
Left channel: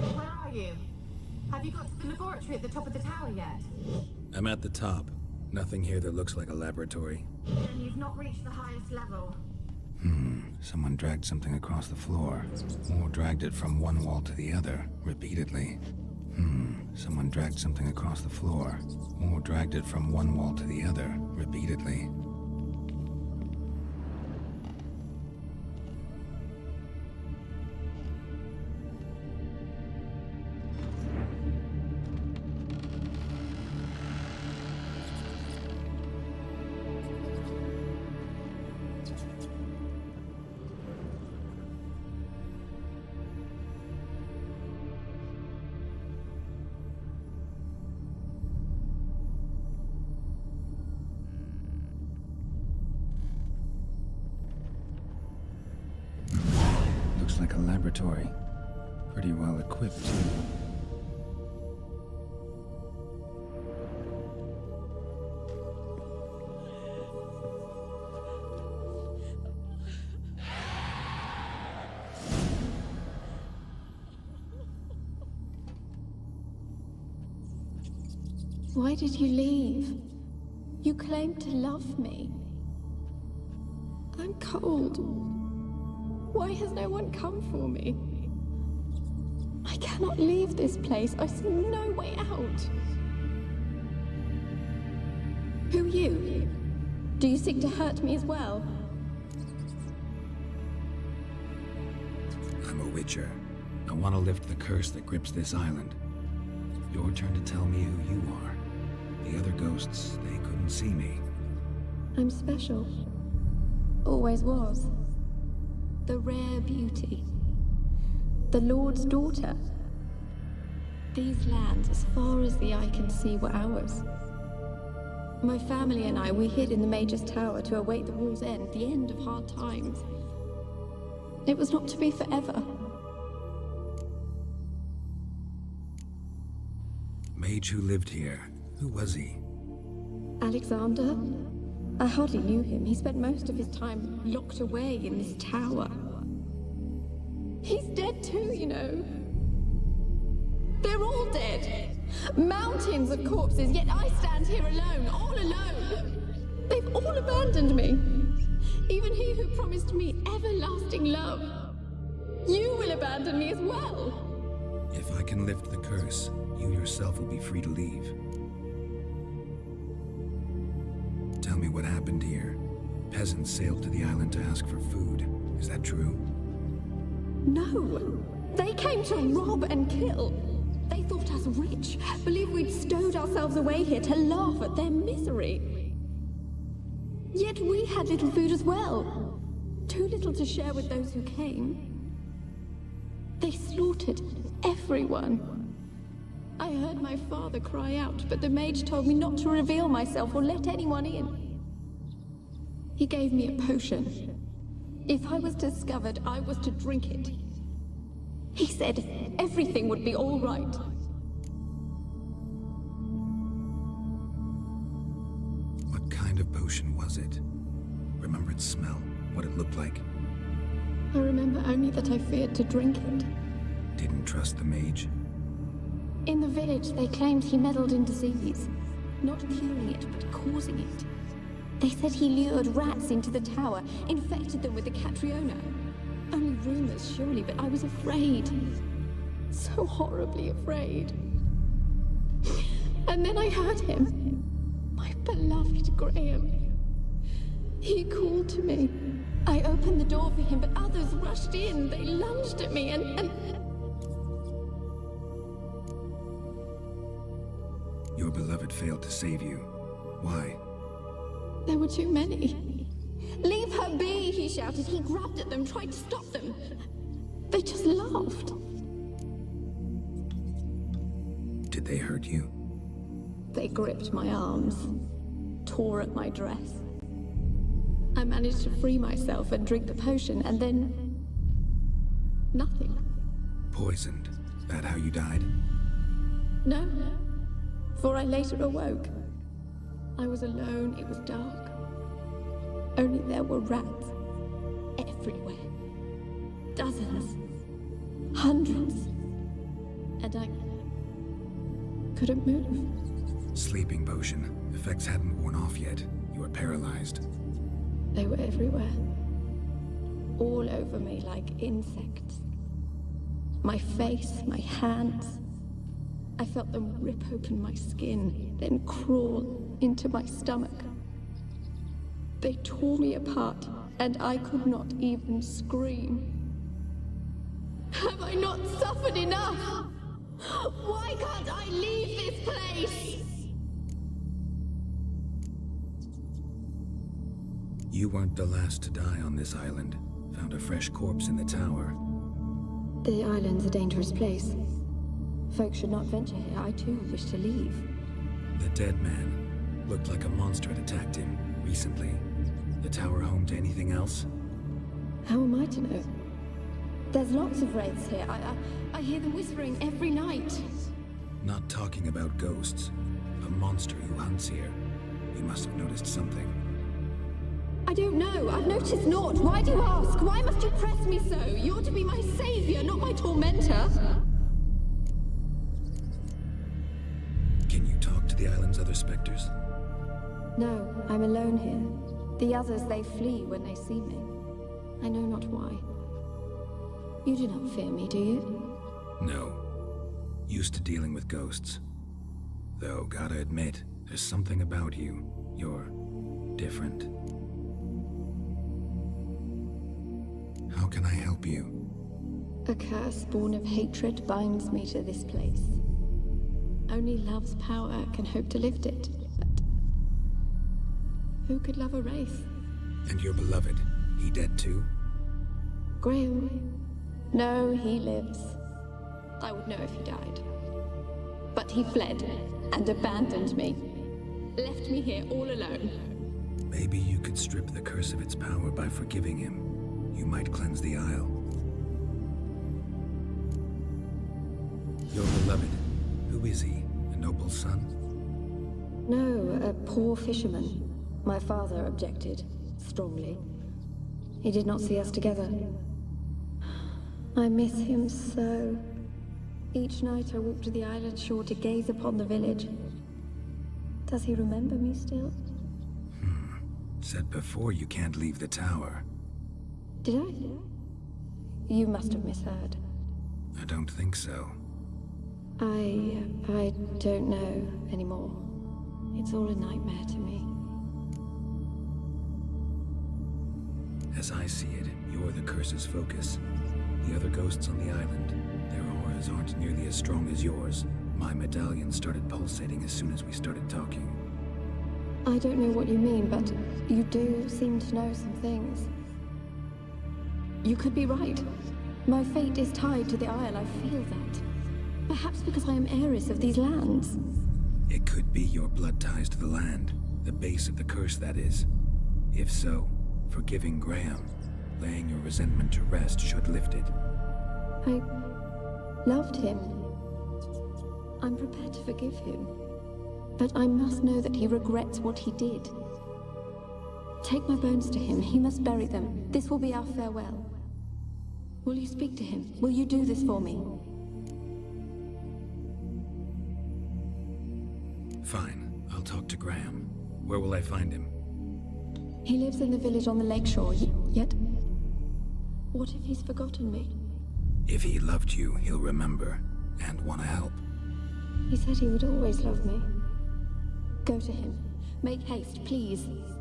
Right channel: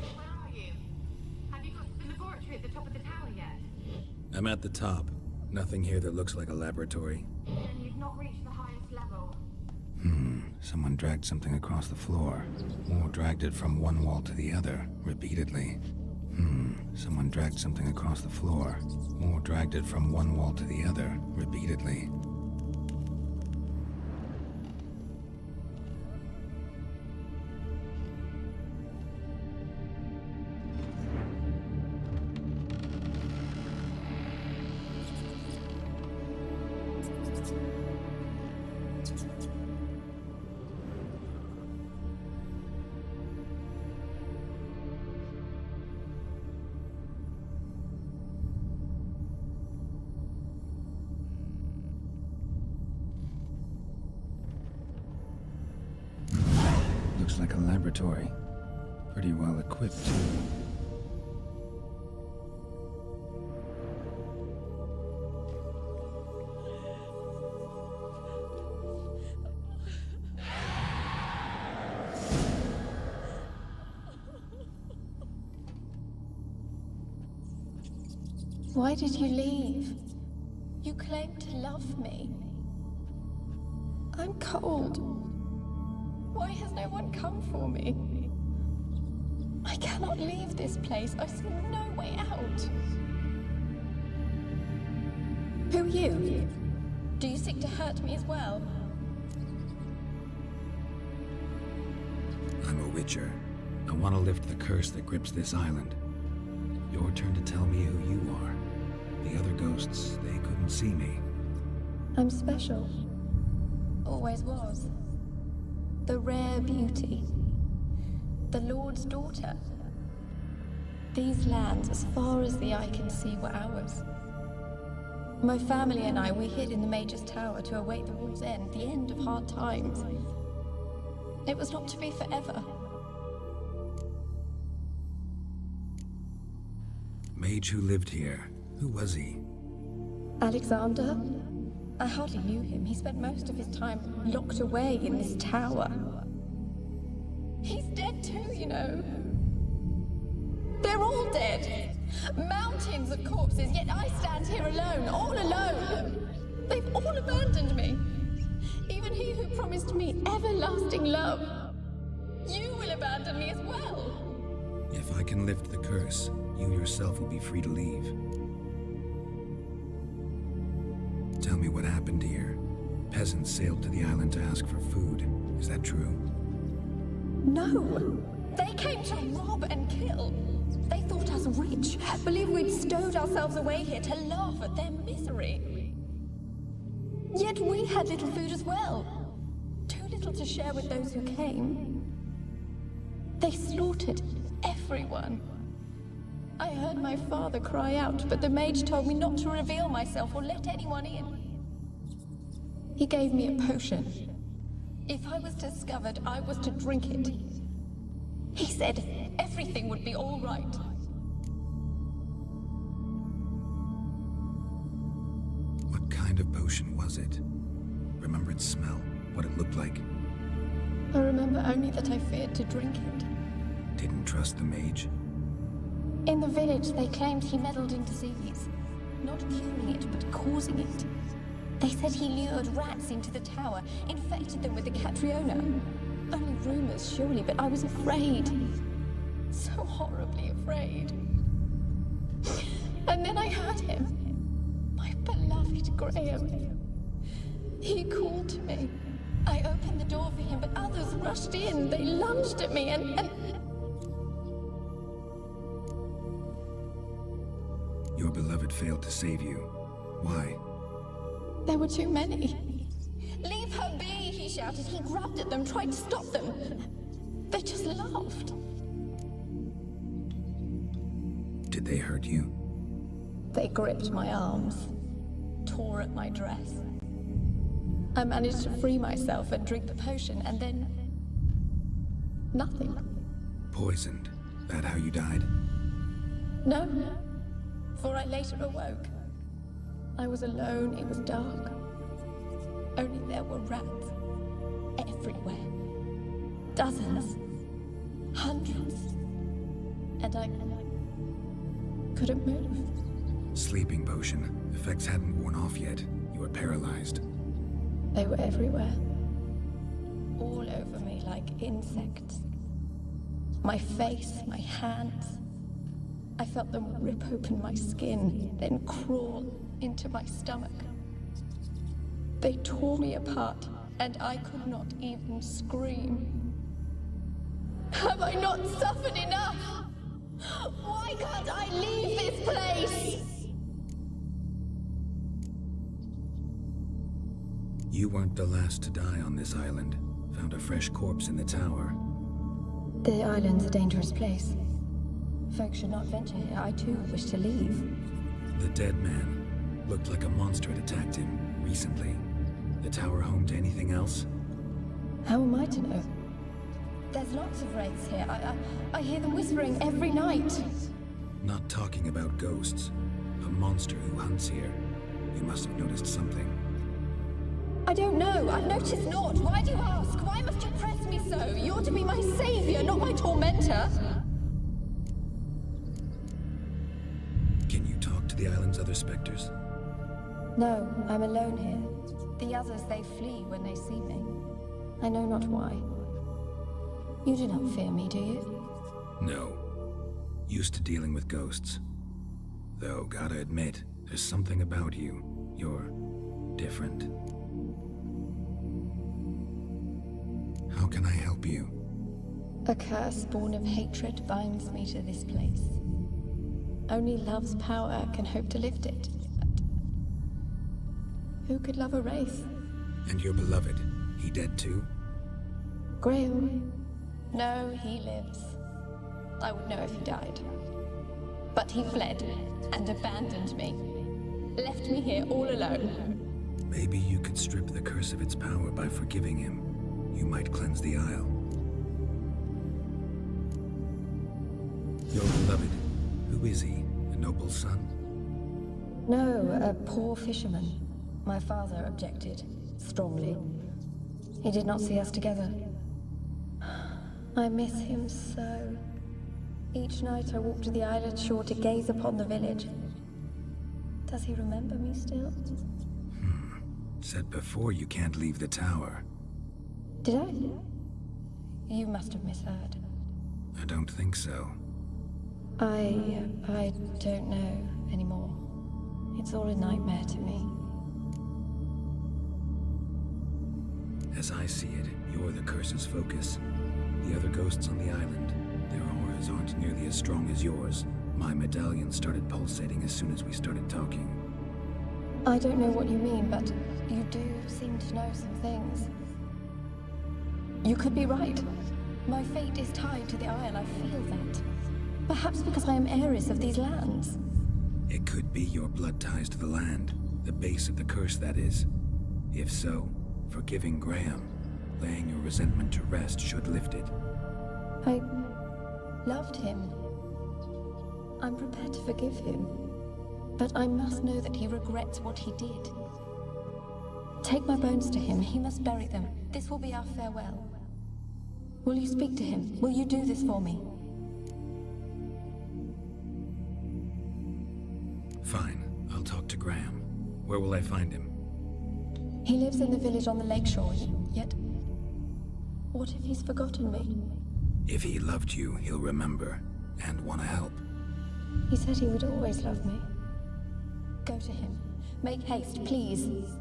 Where are you? Have you got to the laboratory at the top of the tower yet? I'm at the top. Nothing here that looks like a laboratory. You've not reached the highest level. Someone dragged something across the floor. Or dragged it from one wall to the other, repeatedly. Someone dragged something across the floor. Or dragged it from one wall to the other, repeatedly. Looks like a laboratory. Pretty well equipped, too. Why did you leave? You claimed to love me. I'm cold. Why has no one come for me? I cannot leave this place. I see no way out. Who are you? Do you seek to hurt me as well? I'm a Witcher. I want to lift the curse that grips this island. Your turn to tell me who you are. The other ghosts, they couldn't see me. I'm special. Always was. The rare beauty. The Lord's daughter. These lands, as far as the eye can see, were ours. My family and I, we hid in the Mage's Tower to await the war's end, the end of hard times. It was not to be forever. Mage who lived here. Who was he? Alexander? I hardly knew him. He spent most of his time locked away in this tower. He's dead too, you know. They're all dead. Mountains of corpses, yet I stand here alone, all alone. They've all abandoned me. Even he who promised me everlasting love. You will abandon me as well. If I can lift the curse, you yourself will be free to leave. Tell me what happened here. Peasants sailed to the island to ask for food. Is that true? No. They came to rob and kill. They thought us rich, believed we'd stowed ourselves away here to laugh at their misery. Yet we had little food as well. Too little to share with those who came. They slaughtered everyone. I heard my father cry out, but the mage told me not to reveal myself or let anyone in. He gave me a potion. If I was discovered, I was to drink it. He said everything would be all right. What kind of potion was it? Remember its smell? What it looked like? I remember only that I feared to drink it. Didn't trust the mage? In the village, they claimed he meddled in disease. Not curing it, but causing it. They said he lured rats into the tower, infected them with the Catriona. Only rumors, surely, but I was afraid. So horribly afraid. And then I heard him. My beloved Graham. He called to me. I opened the door for him, but others rushed in. They lunged at me and... Your beloved failed to save you. Why? There were too many. Leave her be, he shouted. He grabbed at them, tried to stop them. They just laughed. Did they hurt you? They gripped my arms, tore at my dress. I managed to free myself and drink the potion, and then... nothing. Poisoned. That how you died? No, for I later awoke. I was alone, it was dark. Only there were rats. Everywhere. Dozens. Hundreds. And I couldn't move. Sleeping potion. Effects hadn't worn off yet. You were paralyzed. They were everywhere. All over me like insects. My face, my hands. I felt them rip open my skin, then crawl into my stomach. They tore me apart, and I could not even scream. Have I not suffered enough? Why can't I leave this place? You weren't the last to die on this island. Found a fresh corpse in the tower. The island's a dangerous place. Folks should not venture here. I too wish to leave. The dead man. Looked like a monster had attacked him, recently. The tower home to anything else? How am I to know? There's lots of wraiths here. I hear them whispering every night. Not talking about ghosts. A monster who hunts here. You must have noticed something. I don't know. I've noticed naught. Why do you ask? Why must you press me so? You're to be my savior, not my tormentor. Can you talk to the island's other specters? No, I'm alone here. The others, they flee when they see me. I know not why. You do not fear me, do you? No. Used to dealing with ghosts. Though, gotta admit, there's something about you. You're different. How can I help you? A curse born of hatred binds me to this place. Only love's power can hope to lift it. But who could love a wraith? And your beloved, he dead too? Graham? No, he lives. I would know if he died. But he fled and abandoned me. Left me here all alone. Maybe you could strip the curse of its power by forgiving him. You might cleanse the Isle. Your beloved, who is he? A noble son? No, a poor fisherman. My father objected, strongly. He did not see us together. I miss him so. Each night I walk to the island shore to gaze upon the village. Does he remember me still? Said before you can't leave the tower. Did I? You must have misheard. I don't think so. I don't know anymore. It's all a nightmare to me. As I see it, you're the curse's focus. The other ghosts on the island, their auras aren't nearly as strong as yours. My medallion started pulsating as soon as we started talking. I don't know what you mean, but you do seem to know some things. You could be right. My fate is tied to the Isle, I feel that. Perhaps because I am heiress of these lands. It could be your blood ties to the land, the base of the curse, that is. If so, forgiving Graham, laying your resentment to rest should lift it. I loved him. I'm prepared to forgive him. But I must know that he regrets what he did. Take my bones to him. He must bury them. This will be our farewell. Will you speak to him? Will you do this for me? Fine. I'll talk to Graham. Where will I find him? He lives in the village on the lakeshore, yet... What if he's forgotten me? If he loved you, he'll remember, and want to help. He said he would always love me. Go to him. Make haste, please.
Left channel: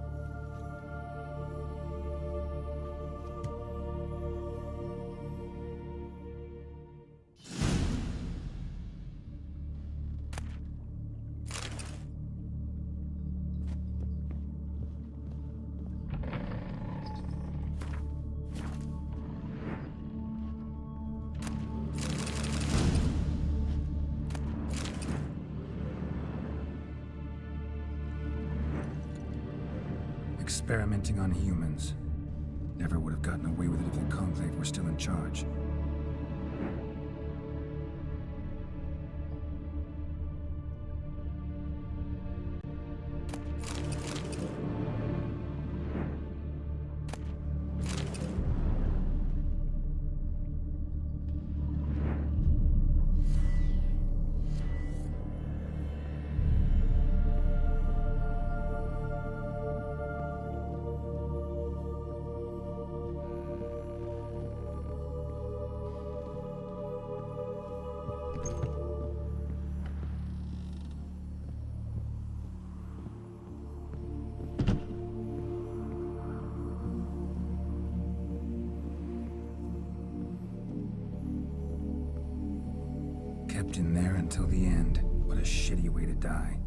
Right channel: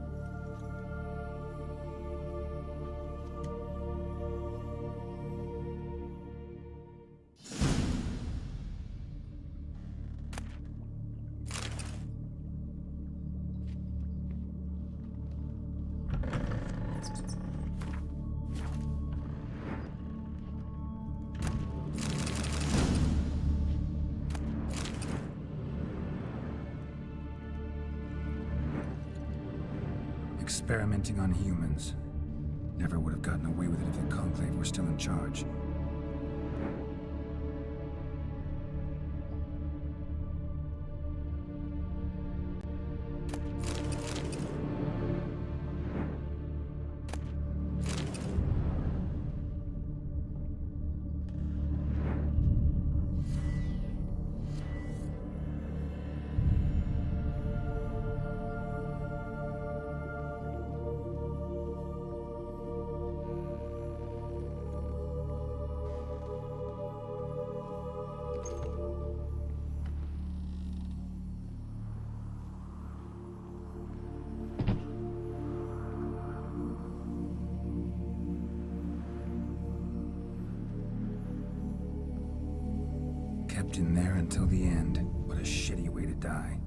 Experimenting on humans. Never would have gotten away with it if the Conclave were still in charge. kept in there until the end. What a shitty way to die.